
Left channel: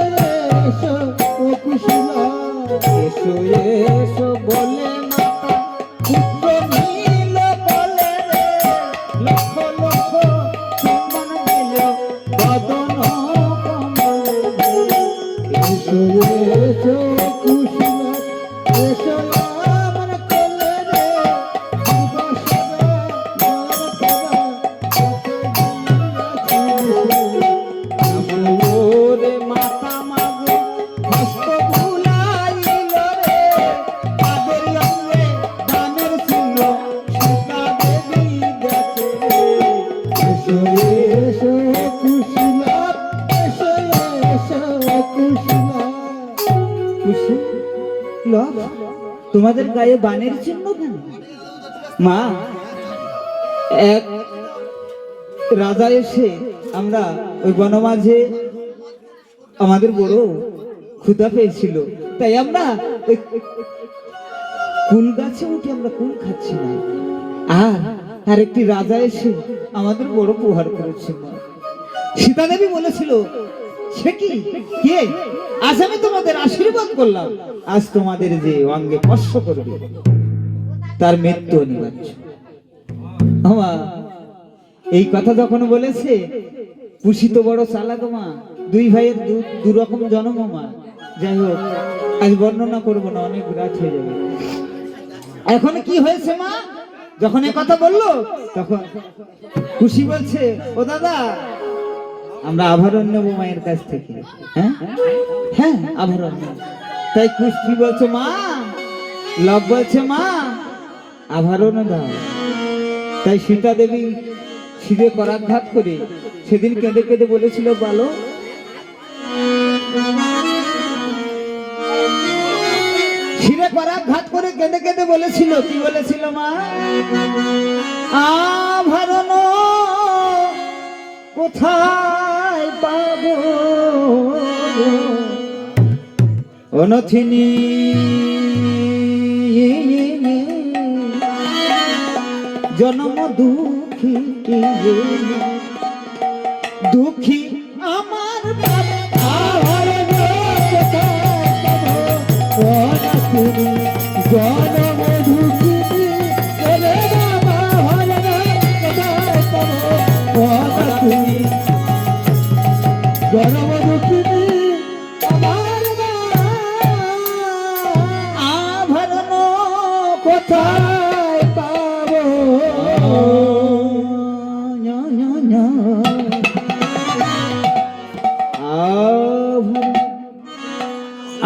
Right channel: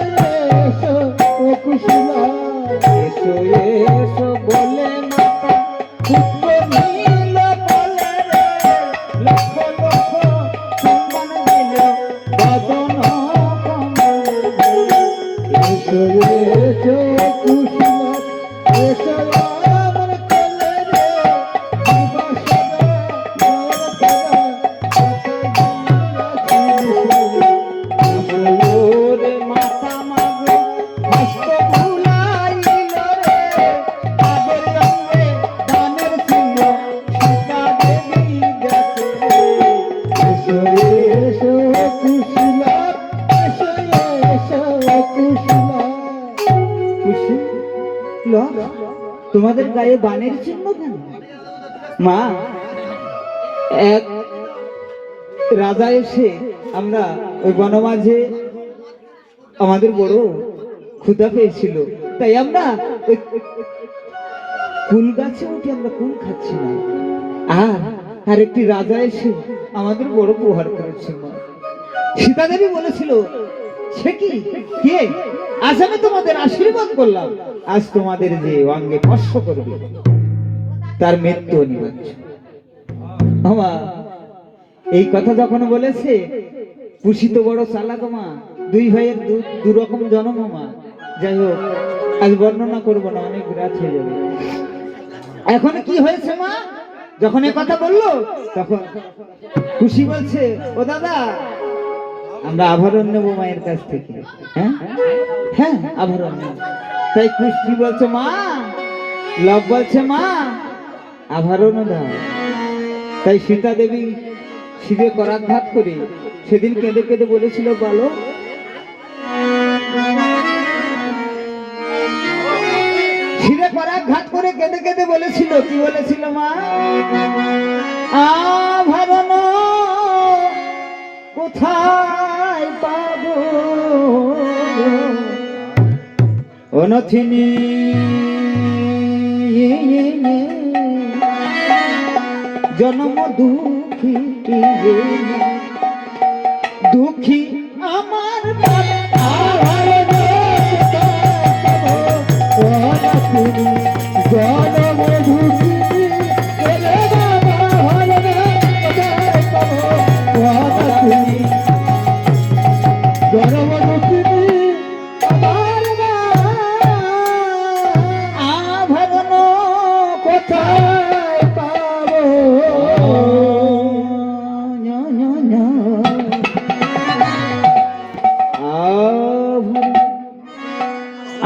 এসো ও কুশলা এসো এসো বলে মাতা পুত্র নীল বলে রে লক্ষ লক্ষ চুম্বন দিল বদন কমলে এসো এসো কুশলা এসো আমার কোলে রে দুর্বাসনা নয়নতারা কোথায় গিয়াছিলিস রে ওরে মাতা মাগো হস্ত ভুলাইল রে তাদের অঙ্গে দানের চিহ্ন সীতা দেবী দেখে এসো এসো কুশলা এসো এসো কুশলা খুশি লব তোমাদের গায়ে বানের চিহ্ন কেন মা এক রাজা এসে আমরা ওই বনমাঝে আমাদের বড় ক্ষুধা পেয়েছিল তাই আমরা ওই কুল গাছে উঠে আমরা কুল খাচ্ছি না আর একটি রাজা এসে আমাদের বড় প্রহার করেছে মা সীতা দেবী বলেছিল সে কি কে আজ আমি তোমাদের আশীর্বাদ করলাম আজ তোমাদের যে অঙ্গে স্পর্শ করবে তার মৃত্যু অনিবার্য আমা এই কথা যখন বলেছে পুষি তো বড় চালাক মা দুই ভাইয়ের দু রকম জন্ম মা যাই হোক আজ বর্ণনা করবো না অনেক রাত হয়ে যাবে এখন কি হয়েছে মা যখন এ কথা বললো তখন খুশি বলছে, ও দাদা আমরা আভরণ নেবো মায়ের কাছ থেকে। হ্যাঁ হ্যাঁ আভরণ নেব। তাই খুশি বলছে মা, লব বলছে মা আভরণ দাও। তাই সীতা দেবী শিরে করাঘাত করে সেদিন কেঁদে কেঁদে বলেছিল, বলো শিরে করাঘাত করে কেঁদে কেঁদে বলেছিল, কি বলেছিল মা? আভরণ কোথায় পাবো অনথিনী, জন্ম দুঃখী দুঃখী আমার আভরণ জনম দুঃখিনী এলে বাবা আভরণ তুমি জনম দুঃখিনী আমার মা, আভরণ কোথায় পাবো?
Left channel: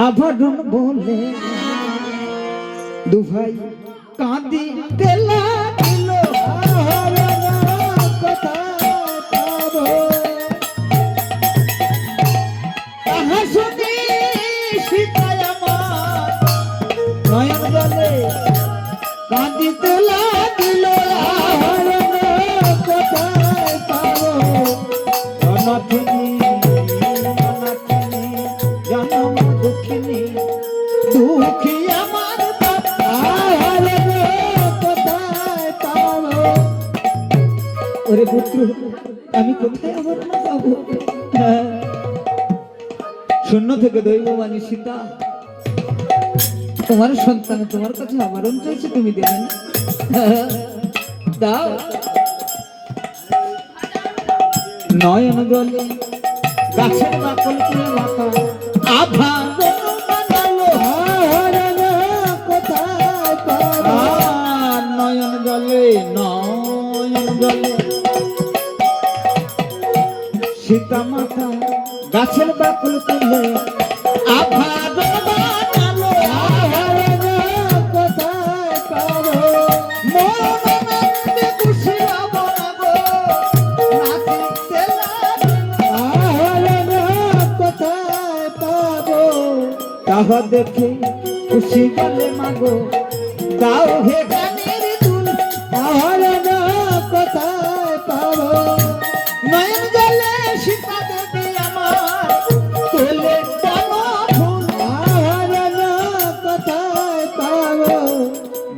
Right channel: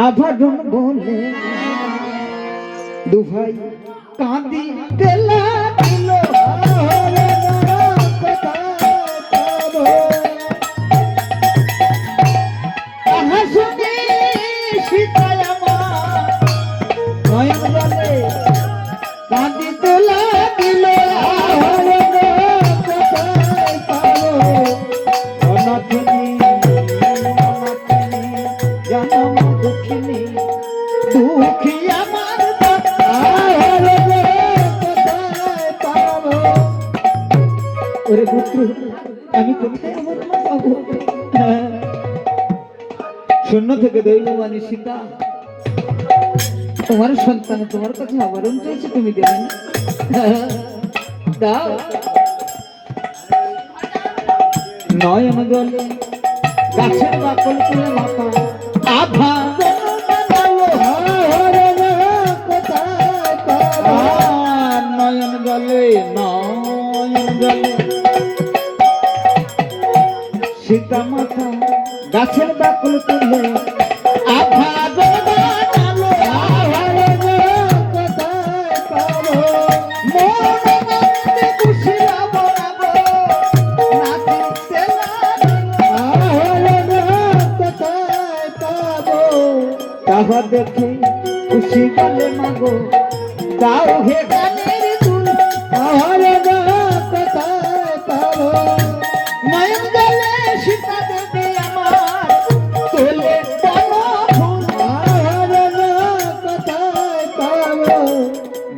আভরণ বলে দুভাই কাঁদি তেলা দিল, আভরণ কোথায় পাবো? তাহা শুনে সীতা আমার নয়ন জলে কাঁদি তেলা দিল, আভরণ কোথায় পাবো? অনথিনী অনথিনী জনম দুঃখিনী দুঃখী আমার আভরণ কোথায় পাবো? ওরে পুত্র আমি কোথায় আভরণ পাবো? হ্যাঁ। শূন্য থেকে দৈব মানে সীতা, তোমার সন্তান তোমার কাছে আভরণ চাইছে, তুমি দেবে না? হ্যাঁ, দাও। নয়ন জলে গাছের বাকল তুলে মাথা আভরণ বানালো, আভরণ কোথায় পাবো? আর নয়ন জলে সীতা মাথা গাছের বাকল তুলে আভরণ বানালো, আভরণ কোথায় পাবো? মনে খুশি আবরাগো নাচিতে লাগলো। আভরণ কোথায় পাবো? তাহা দেখে খুশি বলে মাগো দাও হে গানের দুল, আভরণ কোথায় পাবো? নয়ন জলে সীতা দেবী আমার তোলে বন ফুল, আভরণ কোথায় পাবো?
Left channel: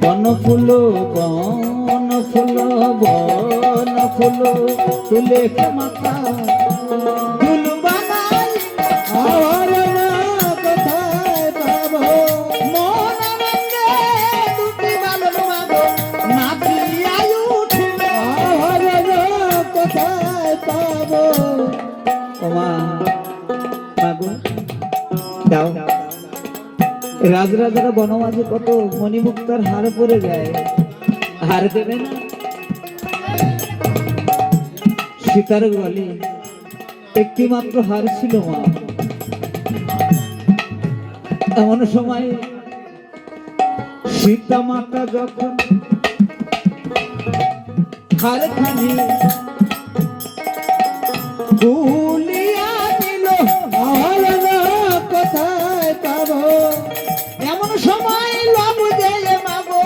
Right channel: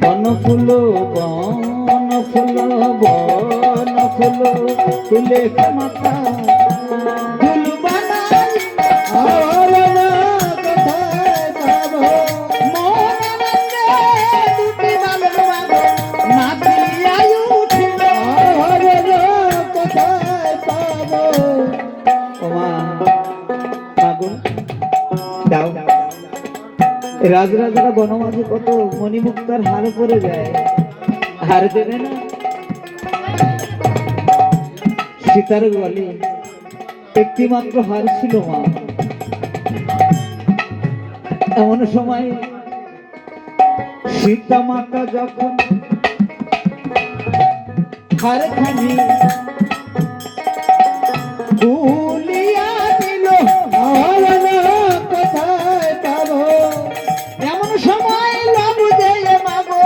বন ফুল বন ফুল বন ফুল তুলে মাথা ফুল বানাই, আভরণ কোথায় পাবো? মনে দুটি বালক মাগো নাচিয়া উঠিল। আভরণ কোথায় পাবো? ওমা মাগো দাও। রাজরাজারা বনমাঝে কত মণিমুক্তার হার পরে যায়, হার দেবে না? সীতার গলে একটি মাত্র হার ছিল মা। এমন সময় সীতা মাতা যখন হারখানি গুলিয়া দিল, আভরণ কোথায় পাবো? এমন সময় লব যে মাগো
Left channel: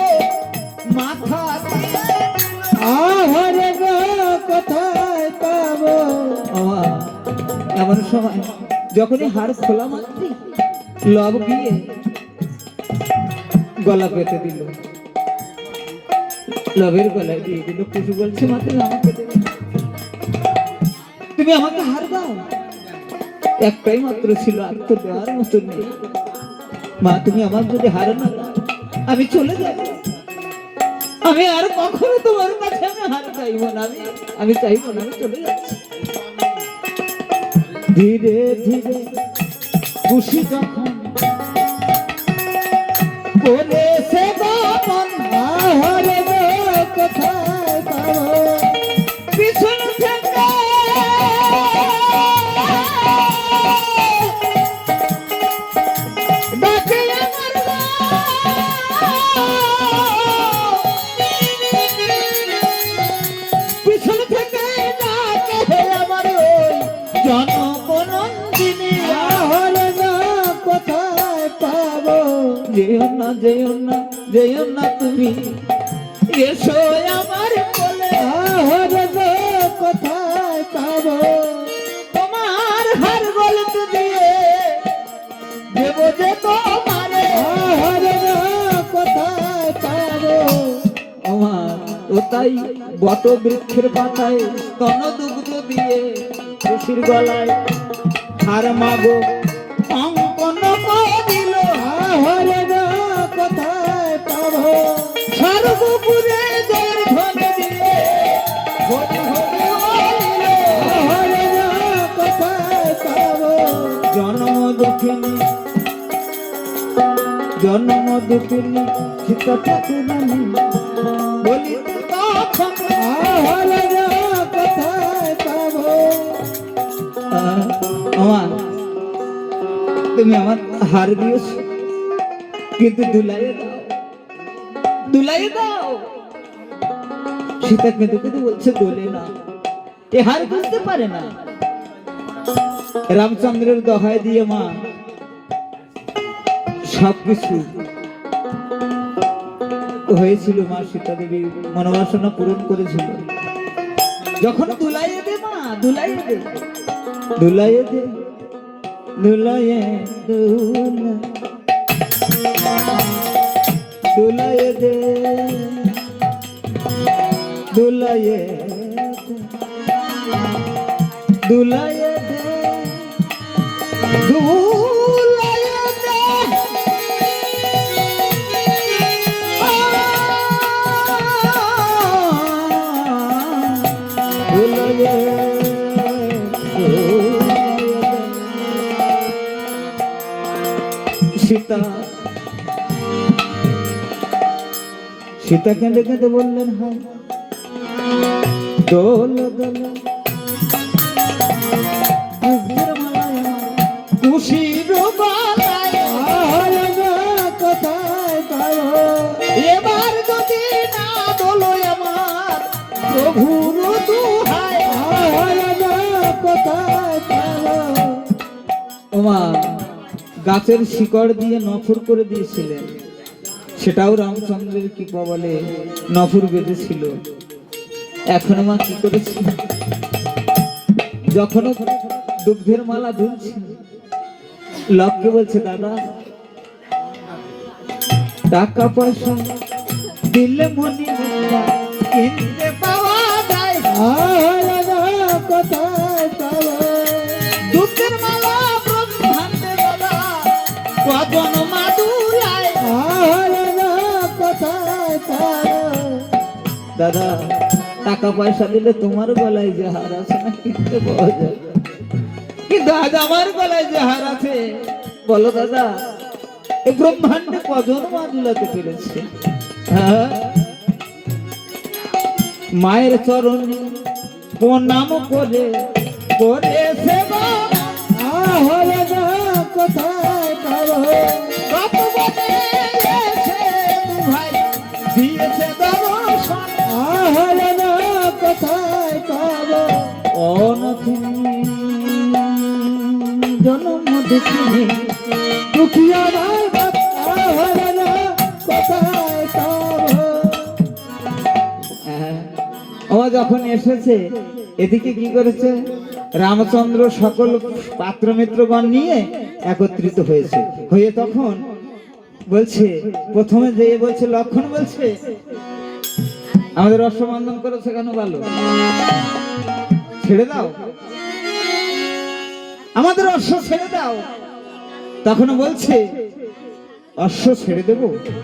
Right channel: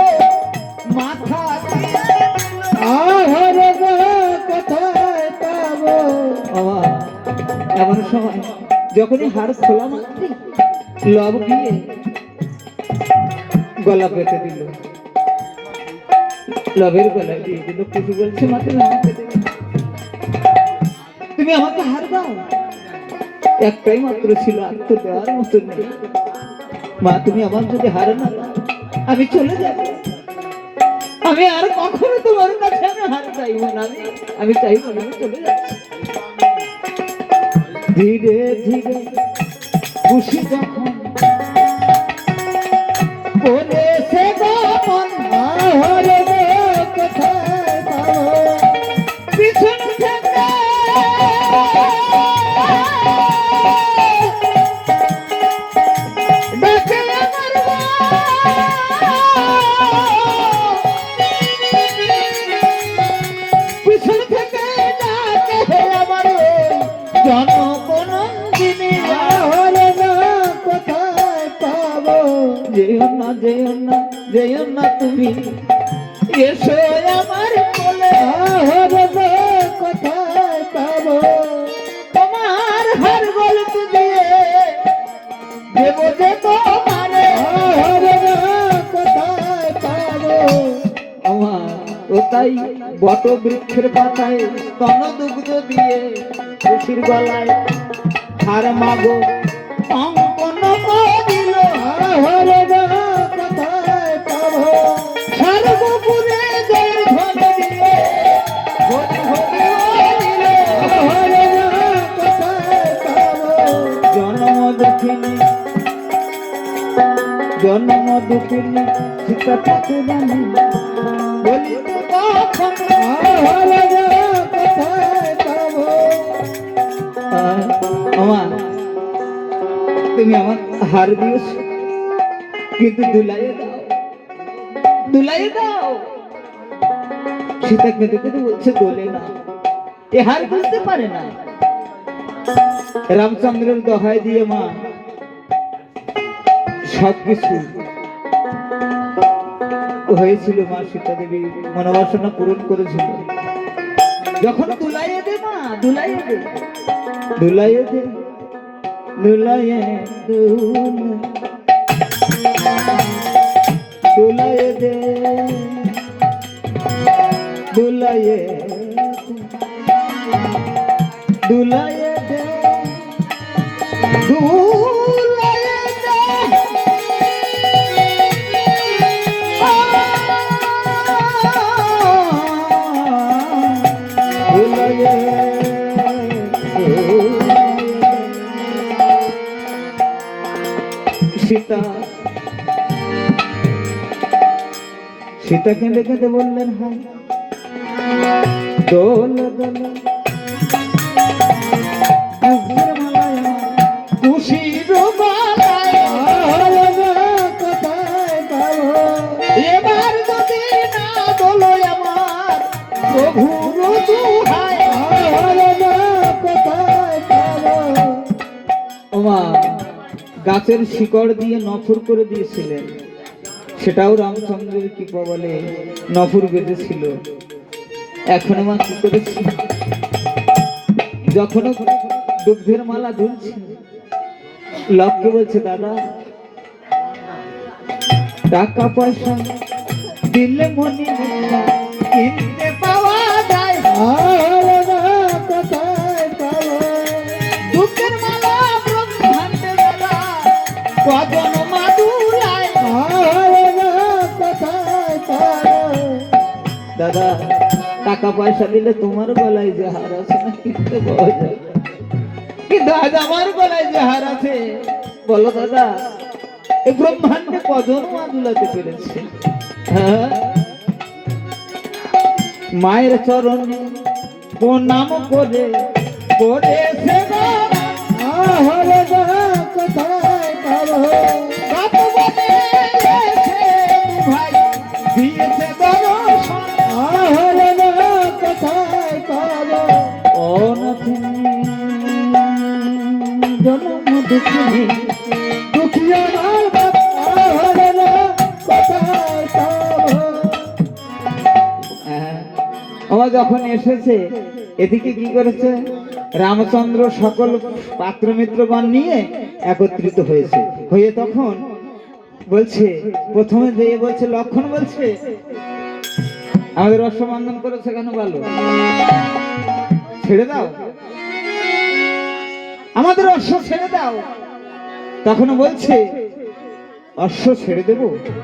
মাথা দিয়ে দিল। আভরণ কোথায় পাবো? বাবা, এমন সময় যখনই হাড় খোলা মাত্র লব দিয়ে গলা পেতে দিল, লবের গলায় দিয়ে দিল। কিছু বলছে মাত্র আমাকে দেবে, তুমি আমাকে হার দাও। একটাই মাত্র ছিল, আর তো দেওয়ার মতো নেই। মা তুমি আমার যদি হার না দাও আমি চলে যাব, আমি আর কখনো তোমার কাছে আমি হার চাইব না, আমি চাইব না, আমি চলে যাচ্ছি। ধীরে ধীরে খুশি যখন করে সে বাপন, আভরণ যেও না যেও না যেও না তুমি এসো আমার কোলে আহারে না কোথায় পাবো তোমার হার গলত দিয়ে দেব যে তোমারে আহারে না কোথায় পাবো আমার ও তাই বট বৃক্ষের পাতায় স্তন দুগ্ধ দিয়ে খুশির গলায় হার মাগো অঙ্কন করিল আহারে না কোথায় পাবো সর্বপুরে জয়ের ধ্বনি দিয়ে হরি হরি বলিল আহারে না কোথায় পাবো জন্ম দুঃখিনী জন্ম দুঃখিনী সীতা ঠাকুরানী বলি তখন আহারে না কোথায় পাবো আমার তুমি আমার হার দিয়েছ কিন্তু দুলাইয়ে দাও দুলাইয়ে দাও সীতা কেঁদে কেঁদে বলছে দোলে না এ হার বুঝতে পারে না রামচন্দ্রের দহায় দিয়ে মা সবকিছু হয়েছিল মা সীতা দেবী মনোবাসনা পূরণ করেছিল যখন দুলাইয়ে দে মা দুলাইয়ে দে দুলাইয়ে দে দুলাইয়ে দুলাইয়ে দে দুলাইয়ে দুলাইয়ে দে দুলাইয়ে দে দুলাইয়ে সীতা সীতা কেঁদে কেঁদে বললেন হ্যাঁ দোল দোল খুশির বালায় আহারে না কোথায় পাবো এবার যদি না দোলো আমার প্রভুর দুহায় আহারে না কোথায় পাবো ওমা গাছের শিকড় দিয়ে নফুর করে দিয়েছিলেন সেটাও রামচন্দ্রের কি বলে নফুর বেঁধেছিল এখন মা কি করেছে যখন দুগ্ধের মালা ঝুলছে লক্ষ্যে বলছে দাদা টাকা পয়সা দিলে মনি মুক্তা কিনতে পাওয়া যায় আহারে না কোথায় পাবো দুগ্ধের মালা ব্রহ্মাণ্ডে দাদা কজন মাদুরায় আহারে না কোথায় পাবো দাদা টাকা পয়সা দিলে তোমার গলায় যে হার আছে না কিনতে পাওয়া যায় কিন্তু আজ আমার গলায় যে হার আছে বলো দাদা এই ব্রহ্মাণ্ডে কজন মা দুলাতে পেরেছে হ্যাঁ? মায়ের চরণে প্রণাম করে করে সেবা আহারে না কোথায় পাবো তপবনে এসে ভাই দিয়েছে দর্শন আহারে না কোথায় পাবো অনথিনী জনম দুঃখিনী দুঃখিয়া আমার বাপ আহারে না কোথায় পাবো ও যখন এসেছে এদিকে কি করেছে রামচন্দ্র সকল পাত্র মিত্রগণ নিয়ে একত্রিত হয়েছে হয়ে তখন বলছে প্রথমে যে বলছে লক্ষণ বলছে আমাদের অশ্ববন্ধন করেছে কেন ভালো ছেড়ে দাও আমাদের অশ্ব ছেড়ে দাও তখন বলছে অশ্ব ছেড়ে দেব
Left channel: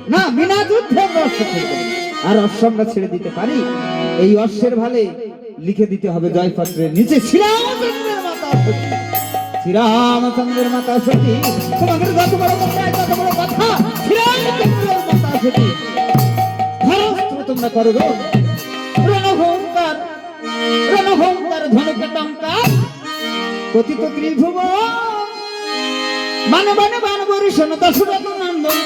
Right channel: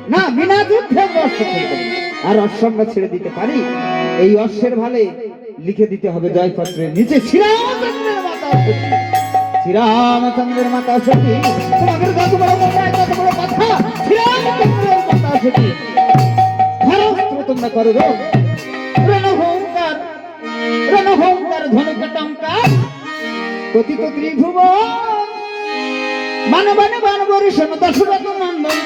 না বিনা যুদ্ধে আমরা অশ্ব ছেড়ে দেব আর অশ্ব আমরা ছেড়ে দিতে পারি এই অশ্বের ভালে লিখে দিতে হবে জয়পত্রের নিচে শ্রীরামচন্দ্রের মাতা সতী শ্রীরামচন্দ্রের মাতা সতী তোমাদের যত বড় কথা তত বড় কথা শ্রীরামচন্দ্রের মাতা সতী ধরস্ত্র তোমরা করো রণভঙ্কার রণভঙ্কার ধনুকটঙ্কার পতিত ত্রিভুবন মানবানে বানবরিশন দশরথ নন্দন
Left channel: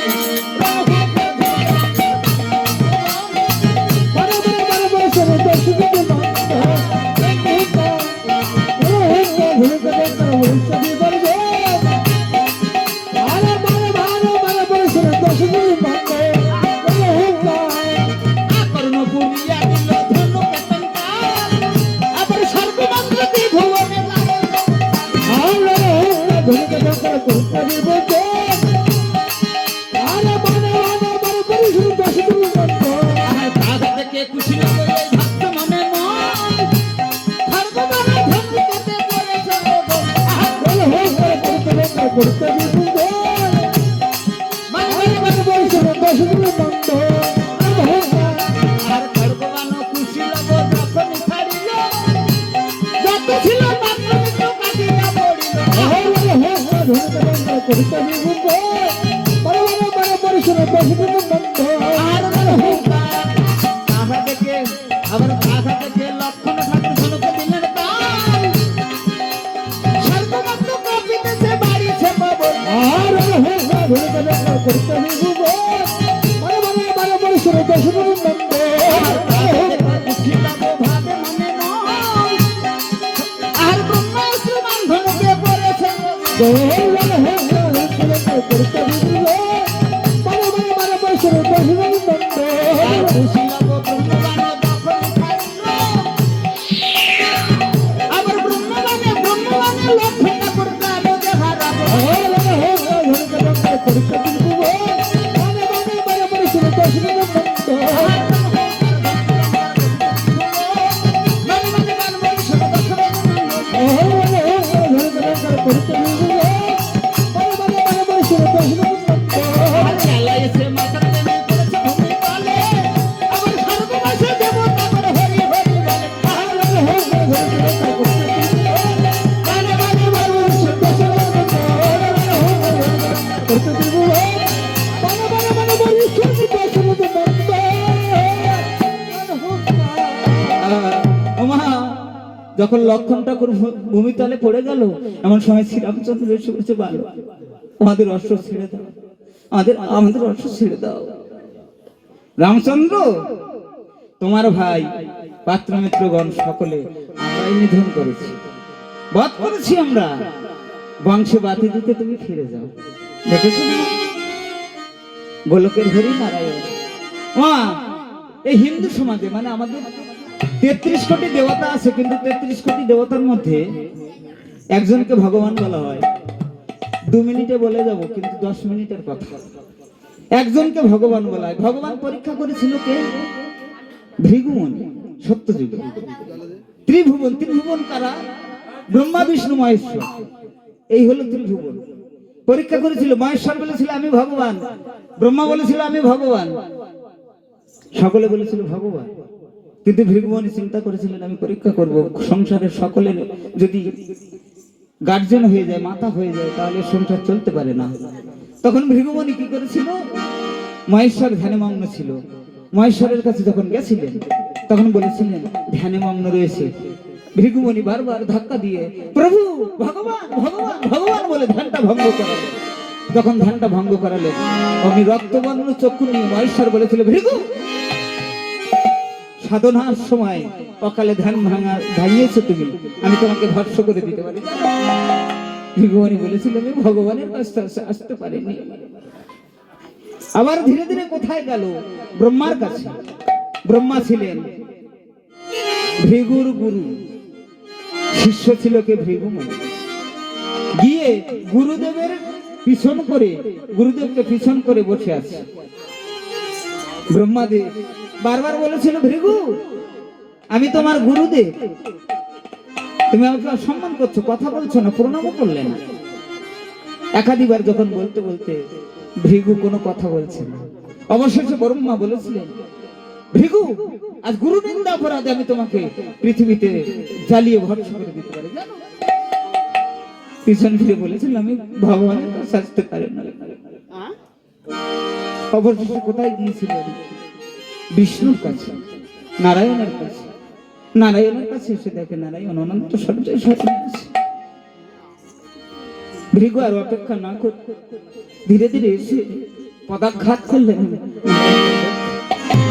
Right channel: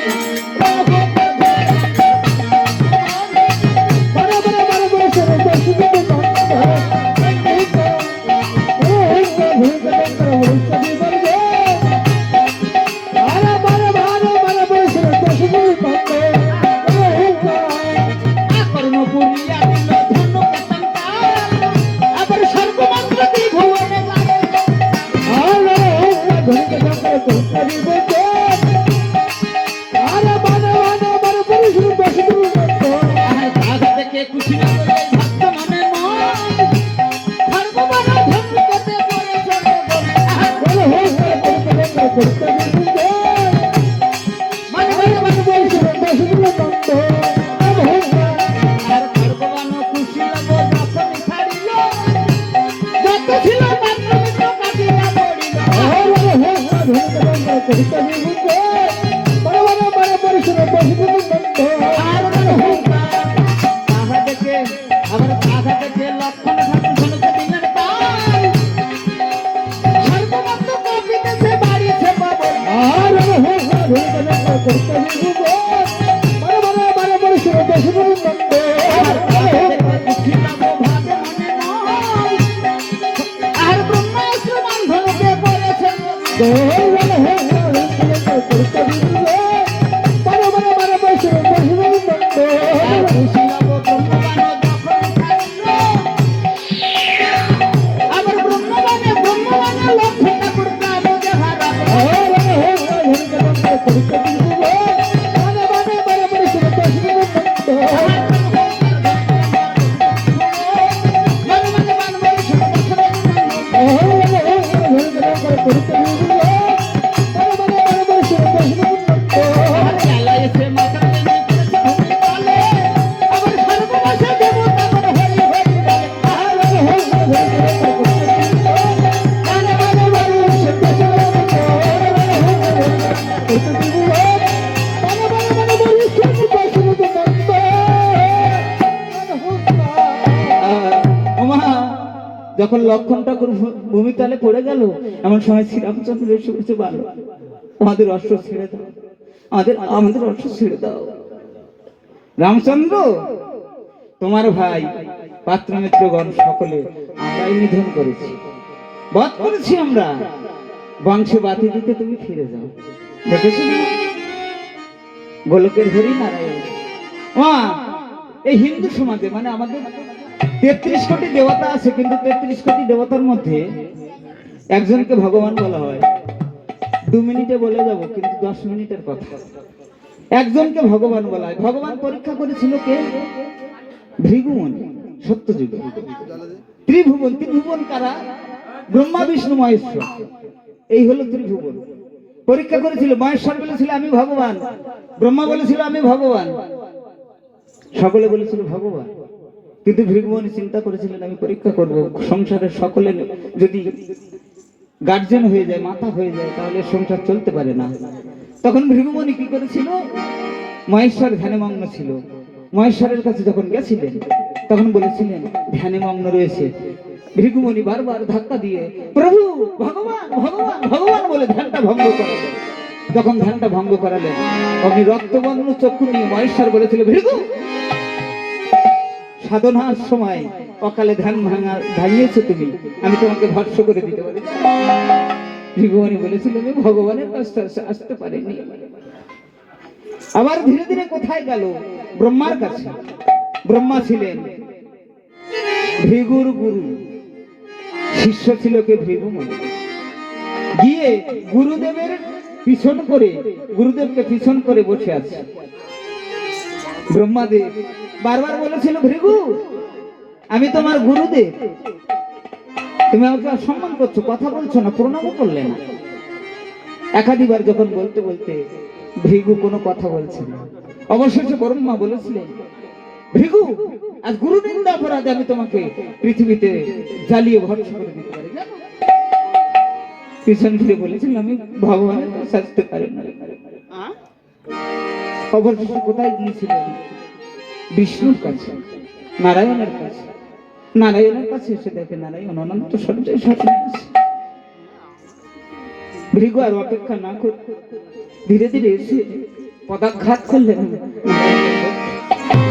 আর ব্রহ্মাস্ত্র বান্ধনকে করেছে আমার ব্রহ্মবানে লক্ষ্মণটা করতে আমাদের হারা যখন লক্ষণ ঠাকুর ভূমিতলে পড়ে গেল এমন সময় শ্রীরামচন্দ্র এসে বলছে ভালো আমাদের অশ্ব ছেড়ে দাও আমাদের অশ্ব ছেড়ে দাও রামচন্দ্র তোমার ভাই পাত্র মিত্রগণ সকলে আমরাই নিধন করেছি বধ করেছি আমরা বংশ বাতি দিতে তুমি ফিরে যাও দেখেছো না গোলকের হরি নারায়ণ এই হিন্দু সমাজে মানে আমাদের 33 কোটি দেবতা আছে কিন্তু 33 কোটি দেবতার মধ্যে একজনকে ভগবান বলা হয় 2 মিনিটে বলে যাব কিন্তু 10 মিনিটের কথা একজনকে ভগবান বলা হয় ভগবান পরীক্ষা করেছিল কে ভৃগুমুনি সত্যযুগে ত্রিভুবন কারা ব্রহ্মা বিষ্ণু মহেশ্বর এই হলো ত্রিভুবন পরীক্ষা করেছিল মহেশ্বর বলেছিল আমি ভগবান ব্রহ্মা বলেছিল আমি ভগবান সকলে বলেছিল ভগবান কিন্তু ভৃগুমুনি চিন্তা করেছিলেন আমি পরীক্ষা করব সংসারের সকলের যদি গার্জেন হয়ে যায় মাতা হয়ে যায় তাহলে সংসার চলতে পারে না তখন ভৃগুমুনি কি করেছিল মহেশ্বর ধ্যানে মগ্ন ছিল মহেশ্বরের কাছে যখন গেছিলেন তখন বলেছিলেন ধ্যানে মগ্ন রয়েছে ভৃগুমুনি বারবার ধাক্কা দিয়ে প্রভু ভগবান ভগবান ভগবান বলে ধ্যানটা ভঙ্গ করালেন যখন ধ্যানটা ভঙ্গ করালেন অগ্নি রক্তবর্ণ চক্ষু নিয়ে মহেশ্বর বলেছিল ভৃগু সাধনার সময় অকালে ধ্যান ভাঙিয়েছো তুমি আমি তোমাকে ভস্ম করে দিতে পারি ভৃগুমুনি বলেছিল আমি ভগবানের কাছে আসতে পারিনি আবার ধীরে ধীরে কোথায় গেল ব্রহ্মার কাছে ব্রহ্মা ছিলেন ভৃগুর গুরু শিষ্য ছিল কে ভৃগুমুনি গিয়ে গুরুদেবের গুরুদেবকে পিছন করে বসে আছে ব্রহ্মাদেব বারবার বলেছিল ভৃগু আমি তোমার গুরুদেব তুমি আমাকে অসম্মান করছো কথা বলছো না প্রণামও করলে না একাধিবার যখন বলতে বলতে ভৃগু কোনো কথা বলছে না অবশেষে ব্রহ্মা বলেছিলেন ভৃগু আজ গুরু নিন্দা অপরাধে আমি তোমাকে পৃথিবীতে জ্বালিয়ে ভস্ম করে দিতে পারি জানো পিছন ফিরে বলেছিল আমি ভগবানের কাছে আসতে পারি না অবশেষে কোথায় গিয়েছিলেন বিষ্ণুর কাছে নারায়ণের কাছে এসে দেখে নারায়ণ অনন্ত সঞ্চয় স্বপ্নে আছে ভৃগু আর অপেক্ষা না করে ধীরে ধীরে এসে পদাঘাত করলেন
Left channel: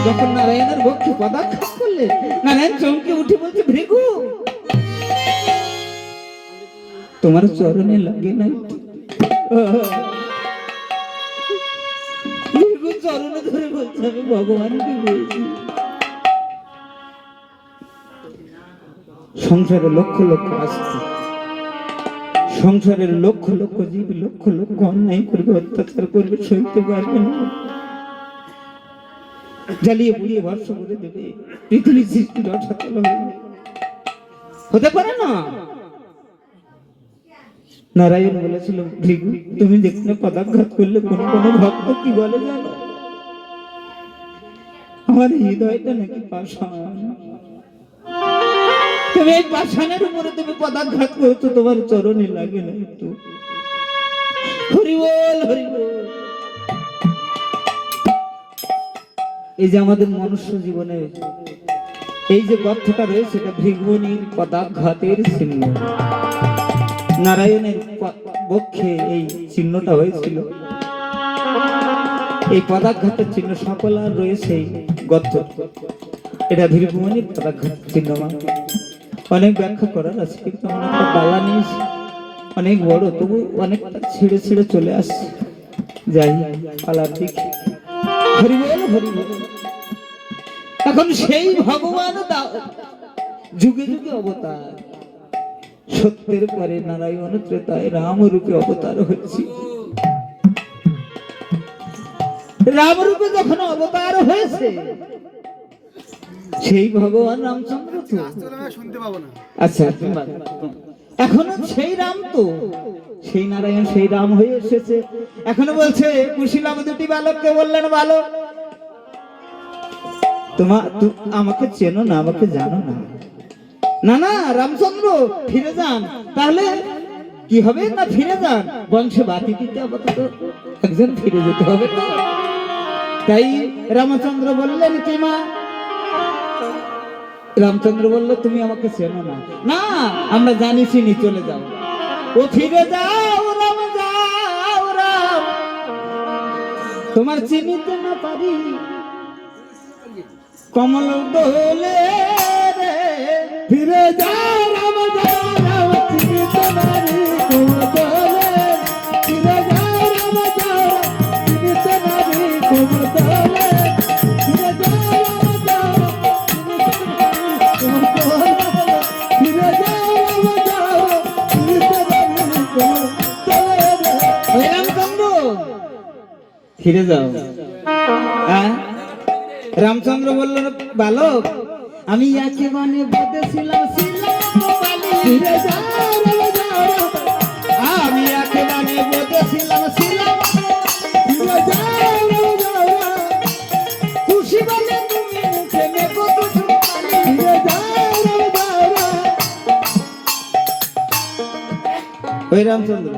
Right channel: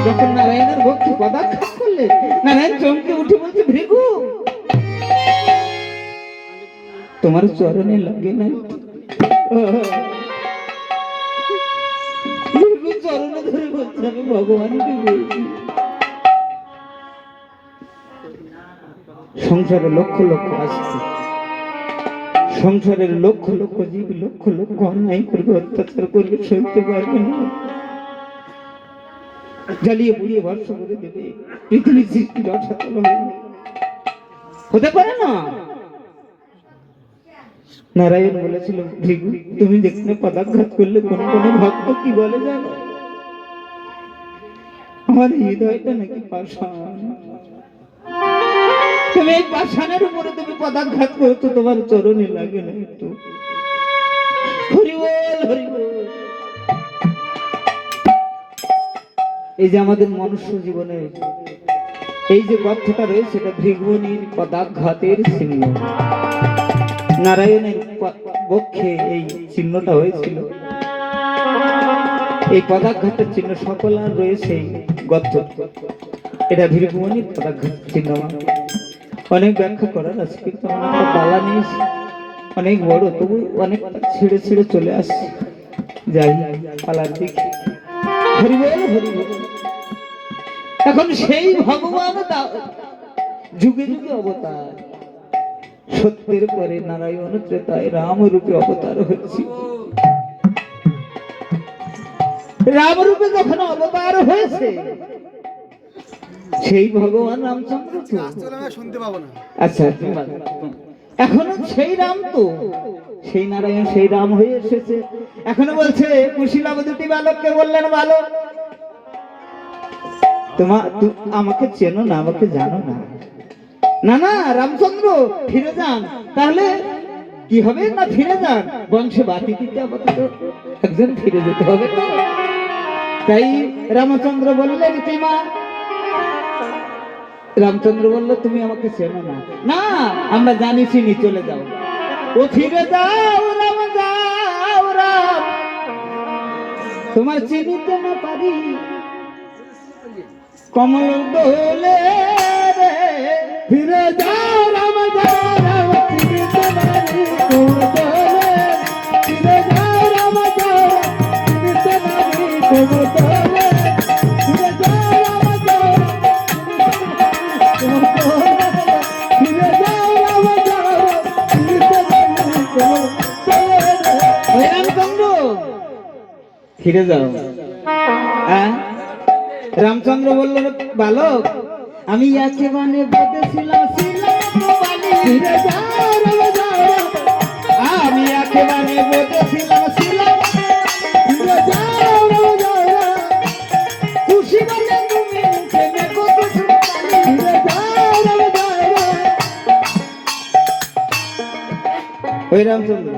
যখন নারায়ণের বক্ষে পদাঘাত করলেন নারায়ণ চমকে উঠে বলছে ভৃগু তোমার চরণে লাগে না ভৃগু চরণে ধরে বলছে আমি ভগবানকে বলছি সংসারে লক্ষ লক্ষ আসছে সংসারের লক্ষ লক্ষ জীব লক্ষ লক্ষ অন্যায় করবে অত্যাচার করবে সইতে পারবে না জ্বালিয়ে পুড়িয়ে ভস্ম করে দেবে পৃথিবীর সৃষ্টি রসাতল হতে পারে না নারায়ণ বলেছিল ভৃগু তুমি দেখলে পদাঘাত করলে কোন কোন ভক্ত কি বলে জানো আমার হৃদয়টা নাকি পাষাণ তুমি এই পাষাণের উপরে তুমি পদাঘাত করছো তোমার চরণে লাগে না একটু হরি বল হরি বল এই যে আমাদের মনুষ্য জীবনে এই যে গর্তটা রয়েছে এটা ভৃগুমুনির পদাঘাতের চিহ্ন নারায়ণের বক্ষে এই চিহ্নটা হয়েছিল এই পদাঘাতের চিহ্ন সকল আর রয়েছে গর্ত। এটা ভীরভূমির পদাঘাতের চিহ্ন। অনেক ব্যাখ্যা করার আছে, কিন্তু আমার একটা বালা নিয়েছি অনেক বড়, তবু অনেকটা ছেড়ে ছেড়ে চলে আসছে। যাই পালার দিক। হরি বল হরি বল। এখন সেই ভগবান যুগে যুগে অবতার, সত্যের পরে নারায়ণ ত্রেতায় রাম রূপে অবতার হচ্ছে। রাম রূপে যখন অবতার হয়েছে, সেই ভগবান রামচন্দ্র শুনতে পাবো না। আচ্ছা, এখনো সেই রাম তো, সেই নারায়ণ সেই রাম হয়ে এসেছে। এখনো বলছে কুশীলব দুটি বালককে বললেন, বালক আমাকে চেনো না, আমাকে জানো না? না না রামচন্দ্র, ফিরে যান। তাহলে কি হবে? না ফিরে যান, বংশে বাতি দিতে আপাতত একজন ফিরে যেতে হবে। তাই রামচন্দ্র বললেন, কি মা? রামচন্দ্র বলল, তুমি আমাকে চেনো না? না, আমরা জানি চিনি, চলে যাও। ও ফিরে যাও রাম, যাও রাম, তোমার চিনিতে না পারি কমল দোলে রে। ফিরে যাও রাম, যাও রাম, চিনিতে নারী কমল দোলে। ফিরে যাও রাম, যাও রাম, চিনিতে নারী কমল দোলে। ফিরে যাও রাম, যাও রাম, ফিরে যাও রাম, যাও রাম, চিনিতে নারী কমল দোলে। রামচন্দ্র ফিরে যাও। হ্যাঁ, রামচন্দ্র বলল, বালক আমি একেবারে বেঁধেছিলাম বালি। ফিরে যাও রাম, যাও রাম, আমি একেবারে বেঁধেছিলাম ফিরে যাও রাম, যাও রাম, খুশি বলে তুমি মুখে মেঘো তো সুপালি। ফিরে যাও রাম, যাও রাম। ওই রামচন্দ্র,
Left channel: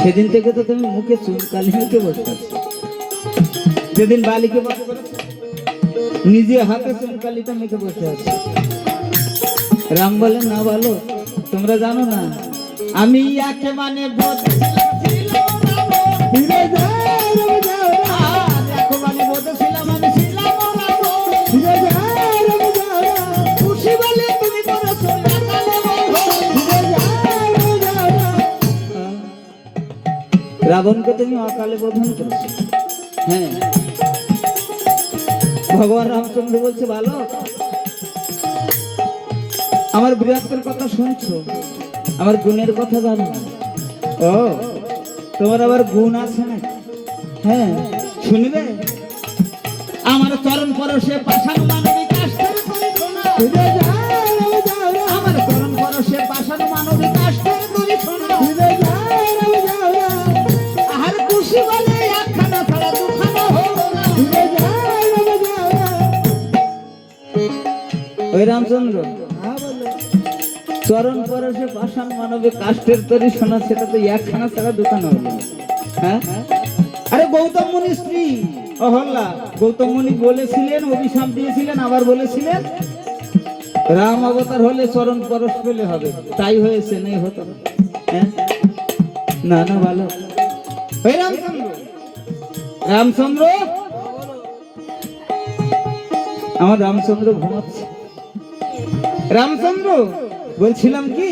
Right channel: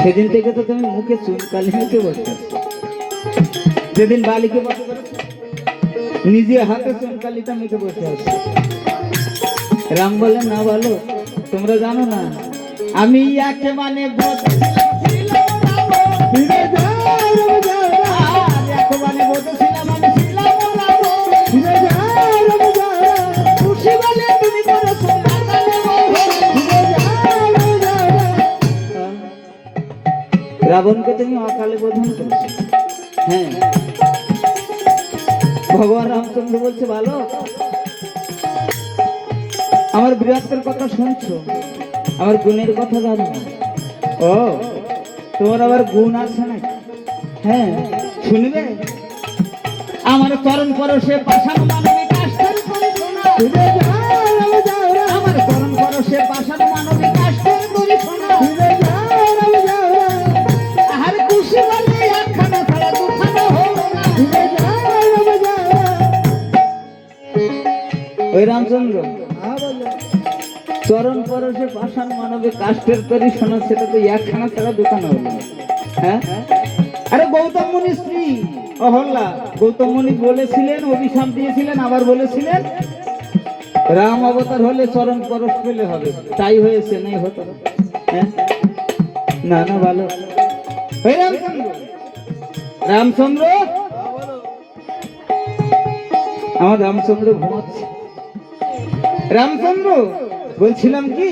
সেদিন থেকে তো তুমি মুখে চুনকালি মুখে বসে আছো। যেদিন বালিকে বসে করেছো, নিজে হাতে চুনকালিটা মুখে বসে আছো। রাম বলেন, না বলো, তোমরা জানো না আমি একেবারে ফিরে যাও রাম, যাও রাম, একেবারে বসেছিলাম, আমি ছিলাম রাম। ফিরে যাও রাম, যাও রাম, খুশি বলে তুমি করেছো বাঙালি বলো। ফিরে যাও রাম, যাও রাম। রাবণকে তুমি অকালে বোধন করেছো। হ্যাঁ, ভগবান রামচন্দ্র বলছে, ভালো আমার বীরত্বের কথা শুনছো, আমার গুণের কথা জানো না? ও, তোমার আবার গুণ আছে না? হ্যাঁ, শুনবে? আমার চরণ পরশে পাষাণ মানবিক কাষ্ঠের করি শোনা। ফিরে যাও রাম, যাও রাম, আমার চরণ পরশে পাষাণ মানবিক কাষ্ঠের করি শোনা। ফিরে যাও রাম, যাও রাম, আর খুশি বলে একখানা ছাড়া দুখানা হলো না। ফিরে যাও রাম, যাও রাম। ওই রামচন্দ্র, হ্যাঁ বলো। চরণ পরশে পাষাণ মানবিক কাষ্ঠের তরি শোনা, সেটা তো একখানা ছাড়া দুখানা হলো না। হ্যাঁ, আরে গৌতম মুনির স্ত্রী অহল্যা, গৌতম মুনি বলেছিলেন, অভিশাপ দিয়েছিলেন, আবার বলেছিলেন রাম অবতার হলে চরণ পরশ পেলে হবে। তাই হয়েছে, নাই হতো না। হ্যাঁ, না না ভালো। ওই রামচন্দ্র, রামচন্দ্র, আমার রামচন্দ্র ঘুমাচ্ছে। রামচন্দ্র বলছিলাম কি,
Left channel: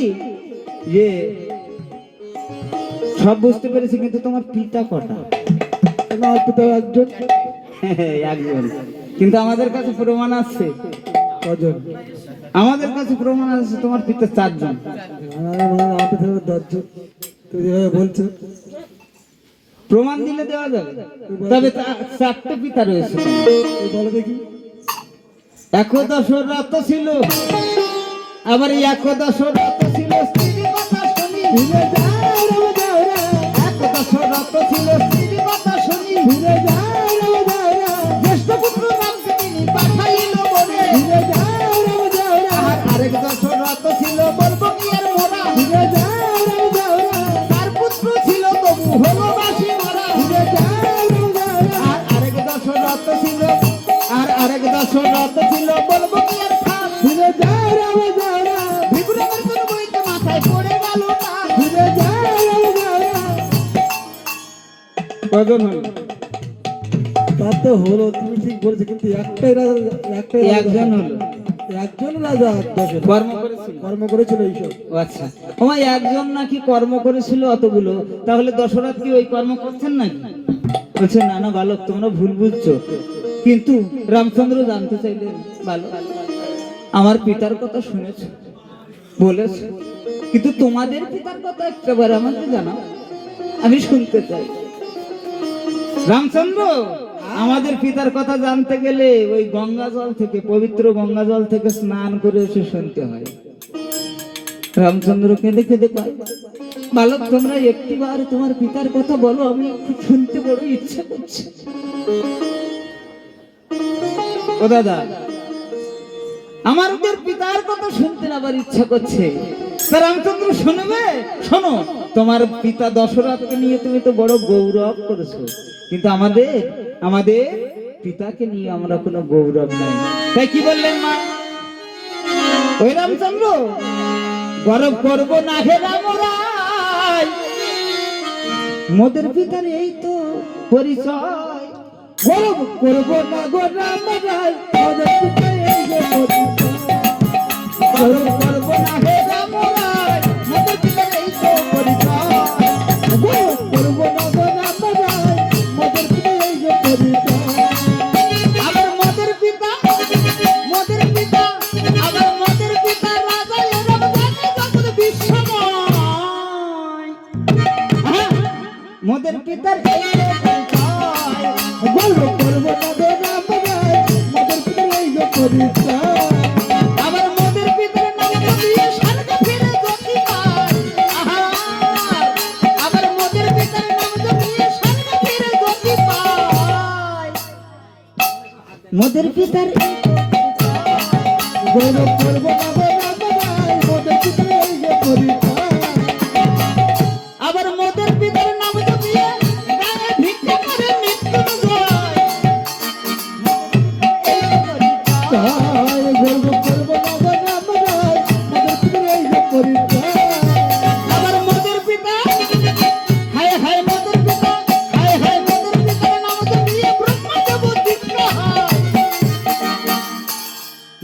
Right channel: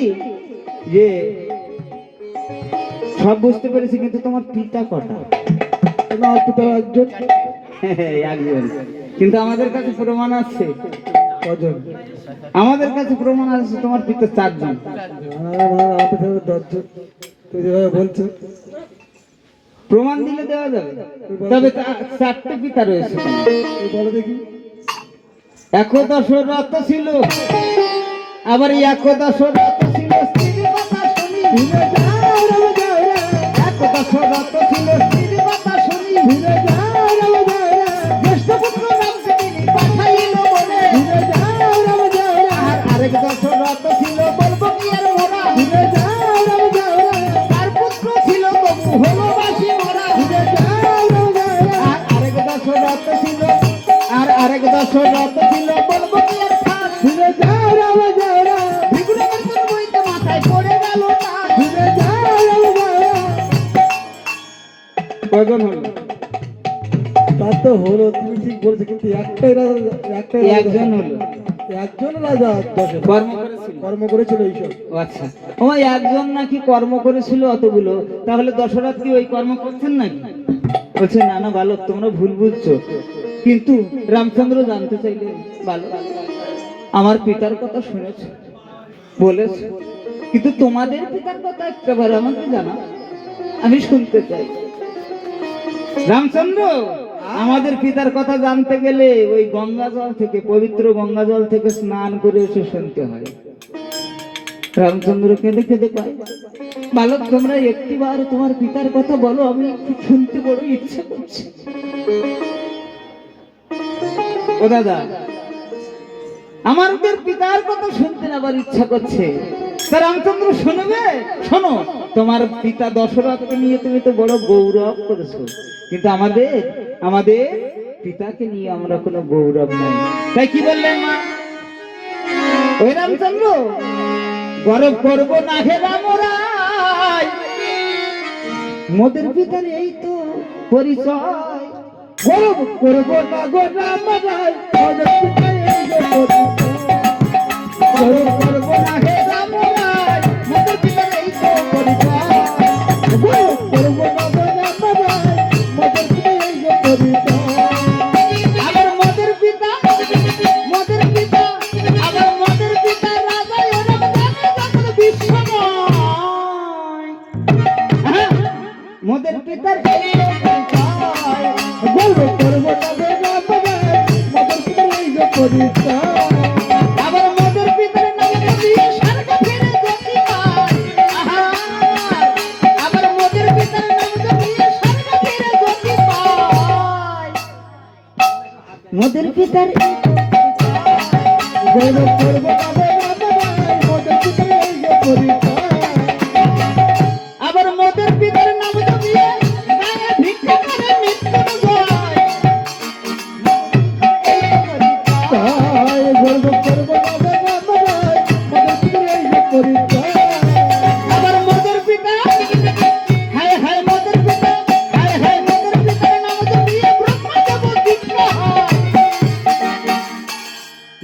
যে সব বুঝতে পেরেছি, কিন্তু তোমার পিতা কটা? আমার পিতা একজন। একজন, কিন্তু আমাদের কাছে প্রমাণ আছে। কজন? আমাদের কাছে প্রমাণ আছে তোমার পিতা চারজন। আমার পিতা 10 জন। তুমি যেভাবে বলছো, প্রমাণ দিলে দেওয়া যাবে, তবে চারটে পিতা রয়েছে। এই বলো দেখি। একদশ রত ছিল, আবার একদশ রত ছিল স্ত্রীর কথা শুনি। ফিরে যাও রাম, যাও রাম, একদশ রত ছিল স্ত্রীর কথা শুনি। ফিরে যাও রাম, যাও রাম, জ্যেষ্ঠ পুত্র রামকে তিনি পাঠাইল বলে। ফিরে যাও রাম, যাও রাম, আর আরেক দশরথ ছিল বলবো কি আর মোরা। ফিরে যাও রাম, যাও রাম, তার পুত্র ছিল তবু হলো বাসি মরা। ফিরে যাও রাম, যাও রাম, আর আরেক দশরথ ছিল, আর আরেক দশরথ ছিল বলবো কি আর খাল। ফিরে যাও রাম, যাও রাম, বিগ্রহের কোন বইতে মাথায় পড়ে গেল না। ফিরে যাও রাম, যাও রাম। ও কজন হলো? তা তো হলো, তুমি ঠিক বলেছো, কিন্তু একটাই রাজা, একটাই রাজা। একজন হলো। একজন রাজা দশে কর্ম করেছিল। কর্ম করেছিল এইসব। ও আচ্ছা, ও একজন নাকি কর্ম করেছিল অতগুলো, তাহলে দশরথ কি ওই কর্ম করছেন নাকি? বলছে না না বালক, তোমরা ভুল বুঝছো। কিন্তু রামচন্দ্র জানতে চাইলেন, বালক আমার পিতার কথা শুনেছ, বলেছ, কিন্তু তোমাদের পিতার কথা একটাবার আমাকে জানাও, আমি শুনতে চাই। রামচন্দ্র, আমাদের পিতার কথা জানতে গেলে ওই গঙ্গা জল থেকে, পবিত্র গঙ্গা জল থেকে স্নান করে এসে শুনতে হয়। রামচন্দ্র কেঁদে কেঁদে পায়, বালক তোমরা একটিবার তোমার পিতার কথা বলো, আমি শুনতে বড় ইচ্ছা করছে। ও দাদা, আমাদের পিতার কথা শুনতে নেবার ইচ্ছা করছে, তা রামচন্দ্র শুনবে? শোনো, তোমার পিতা দশরথকে নিয়ে তুমি তো বড় গৌরব করেছো, কিন্তু আমাদের আমাদের পিতাকে নিয়ে আমরা কোনো গৌরব নাই। তাই কি বললেন মা? ওই রামচন্দ্র, গৌরব করবো না হে রামরাই, মোদের পিতার এই তো পরিচয়। গৌরব করবো না গো রামরাই, মোদের পিতার এই যে পরিচয়। গৌরব করবো না হে রামরাই, মোদের পিতার এই তো পরিচয়। গৌরব করবো না গো রামরাই, মোদের পিতার এই যে পরিচয়। আমার মোদের পিতা, মোদের পিতা, আমার মোদের পিতা রাজা এরম জানে যখন বিশ্বময়। হ্যাঁ, মোদের পিতার এই তো পরিচয়। গৌরব করবো না গো রামরাই, মোদের পিতার এই যে পরিচয়। আবার মোদের পিতার নাম দিয়ে স্বর্গ ফিরে গতি পায়। আহা, আবার মোদের পিতার নাম দিয়ে স্বর্গ ফিরে গতি পায়। মোদের পিতার এই তো পরিচয়। গৌরব করবো না গো রামরাই, মোদের পিতার এই যে পরিচয়। আবার মোদের পিতার নাম দিয়ে গায়ে ভিক্ষা করে মৃত্যুঞ্জয়। এই তো পরিচয়। গর্ব করবো না গো রামরাই, মোদের পিতার এই যে পরিচয়। আবার মোদের পিতা, হায় হায় মোদের পিতা, হায় হায় মোদের পিতার নাম দিয়ে ব্রহ্মদেব দীক্ষা হয়।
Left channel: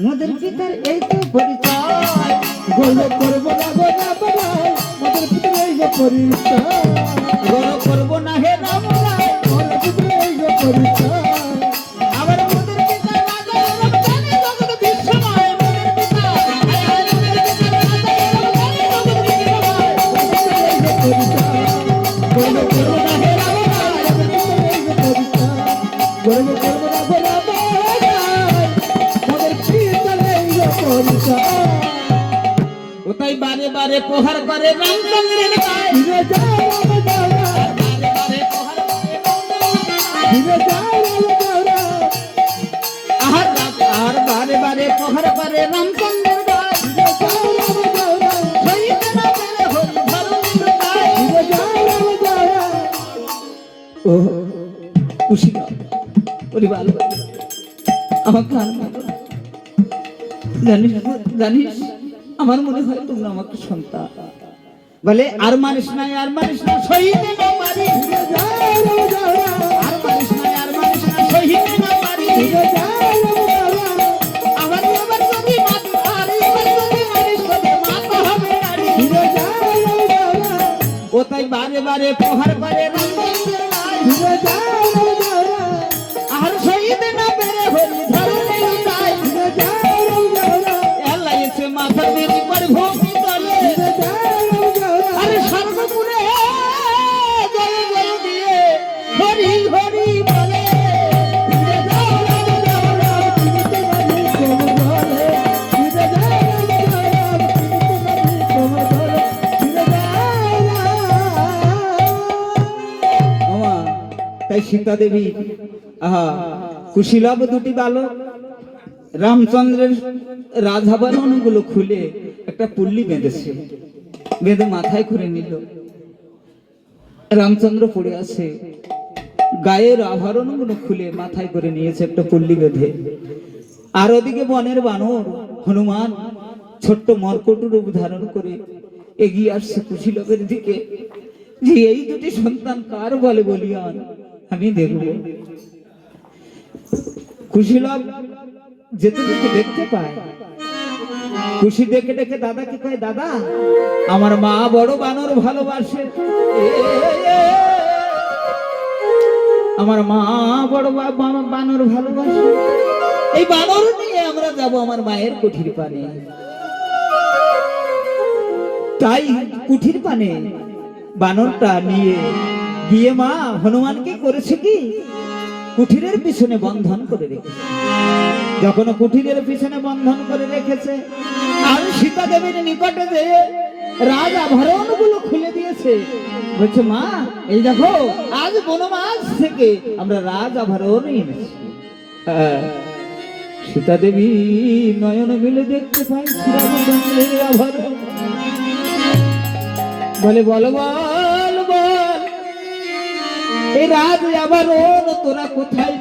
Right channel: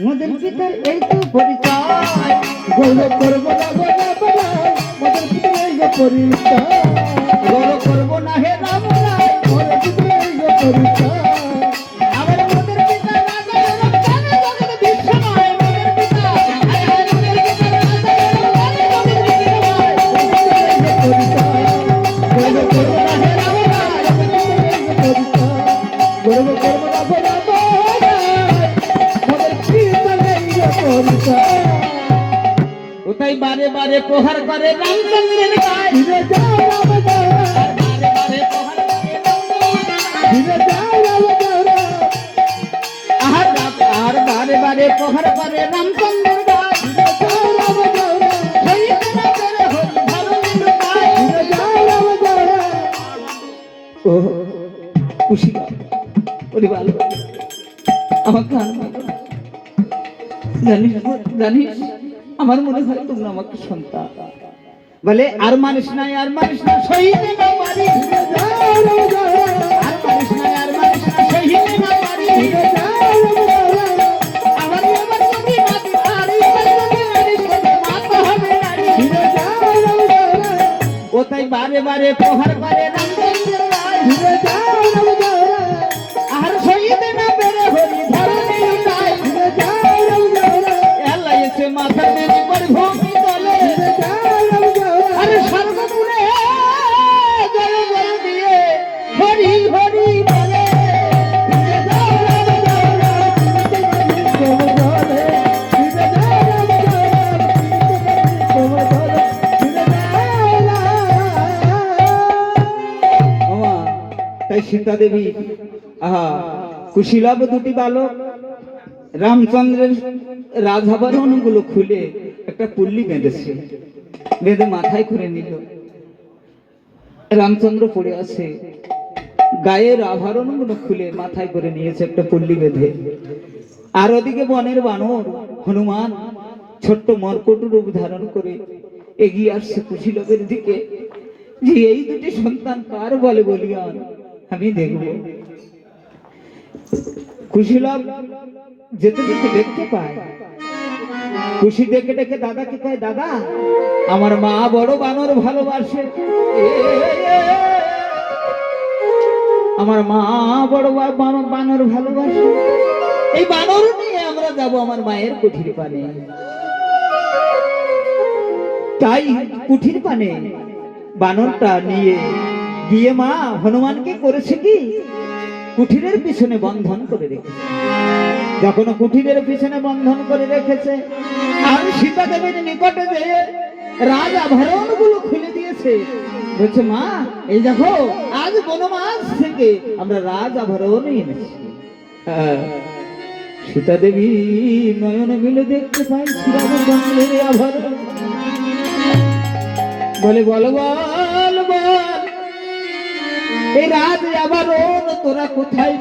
মোদের পিতার এই তো পরিচয়। গর্ব করবো না গো রামরাই, মোদের পিতার এই যে পরিচয়। গৌরব করবো না হে রামরাই, মোদের পিতার এই যে পরিচয়। আমার মোদের পিতা রাজা এরম জানে জগৎ বিশ্বময়। মোদের পিতা, হায় হায় মোদের পিতার রাজা এরম জানে জগৎ বিশ্বময়। গৌরব করবো না হে রামরাই, গর্ব করবো না গো রামরাই, মোদের পিতার এই যে পরিচয়। ওটাই বারে বারে প্রহার করে রামচন্দ্রের গায়ে। ফিরে যায় রাম যাওরা, বারে বারে প্রহার করে রামচন্দ্রের গায়ে। ফিরে যায় রাম যাওরা। আর বারে বারে প্রহার করে রামচন্দ্রের গায়ে। ফিরে যায় রাম যাওরা, শহীদ না পেরে হই ধরণীর গায়ে। ফিরে যায় রাম যাওরা। ও খুশি ওরে ভালো, আমার কান জানিস, জানিস আমার মনে হয় তোমরা আমাকে সন্তান বলে। আর মানিস নাই, আর মানিস না, শহীদ না পারি। ফিরে যায় রাম যাওরা, আর মানিস নাই, আর মানিস না, শহীদ না পারি। ফিরে যায় রাম যাওরা। আবার এবার যদি মাতি, আর এবার যদি মানিস বলে মাথা হবে নারী। ফিরে যায় রাম যাওরা, ও তাই বারে বারে প্রহার করে রামচন্দ্রের গায়ে। ফিরে যায় রাম যাওরা। আর শহীদ না পেরে হরি ধরণীর গায়ে। ফিরে যায় রাম যাওরা, এলা এসে মাথা নেমে করে ভূমি তলে। ফিরে যায় রাম যাওরা। আরে স্বর্গপুরে জয় জয় দিয়ে হরি হরি বলে। ফিরে যায় রাম যাওরা, ফিরিতে পারি কোমর ধরে। ফিরে যায় রাম যাওরা, ফিরিতে পারি কোমর ধরে। ফিরে যায় রাম। আমা তাই সীতা দেবী, আহা, কুশীলব দুটি বালক রামচন্দ্রের রাজভরণগুলো খুলে একটা পুল্লি বেঁধেছে, বেঁধে মাথায় করে নিল। রামচন্দ্র পড়ে আছে, গায়ের আভরণগুলো খুলে মাথায় করে নিয়েছে একটা পুল্লি বেঁধে। আর ওদিকে বনের বানর হনুমান ছোট্ট মর্কট রূপ ধারণ করে এগিয়ে আসছে কুশীলবের দিকে, যে এই দুটি সন্তান কার বলে বলিয়ান। আমি দেখব। কুশীলব যেতে যেতে দেখতে পায়, খুশি দেখে দেখে দাদাকে কয়, দাদা আমার মা বড় বানর ভালোবাসে, আমার মা বড় বানর ভালোবাসে, এই বানর নিয়ে আমরা যাব আমার মায়ের কুঠির পানে। তাই কুঠির পানে বানরটা নিয়ে গিয়ে মা হনুমানকে করেছে কি, কুঠিরের পিছনে বন্ধন করে রেখেছে। যখন কুঠিরের পিছনে বন্ধন করে রেখেছে আর সীতা দেবীর নিকটে যেয়ে রাজ আভরণ গুলো খুলে দিয়েছে, বলছে মা এই দেখো আজ বনবাস থেকে আমরা রাজ আভরণ এনেছি। সীতা দেবী নয়নে মিলে দেখতে পাই শ্রীরামচন্দ্রের আভরণ। বলে বল বল বল এই রাজ আভরণ তোরা কোথায়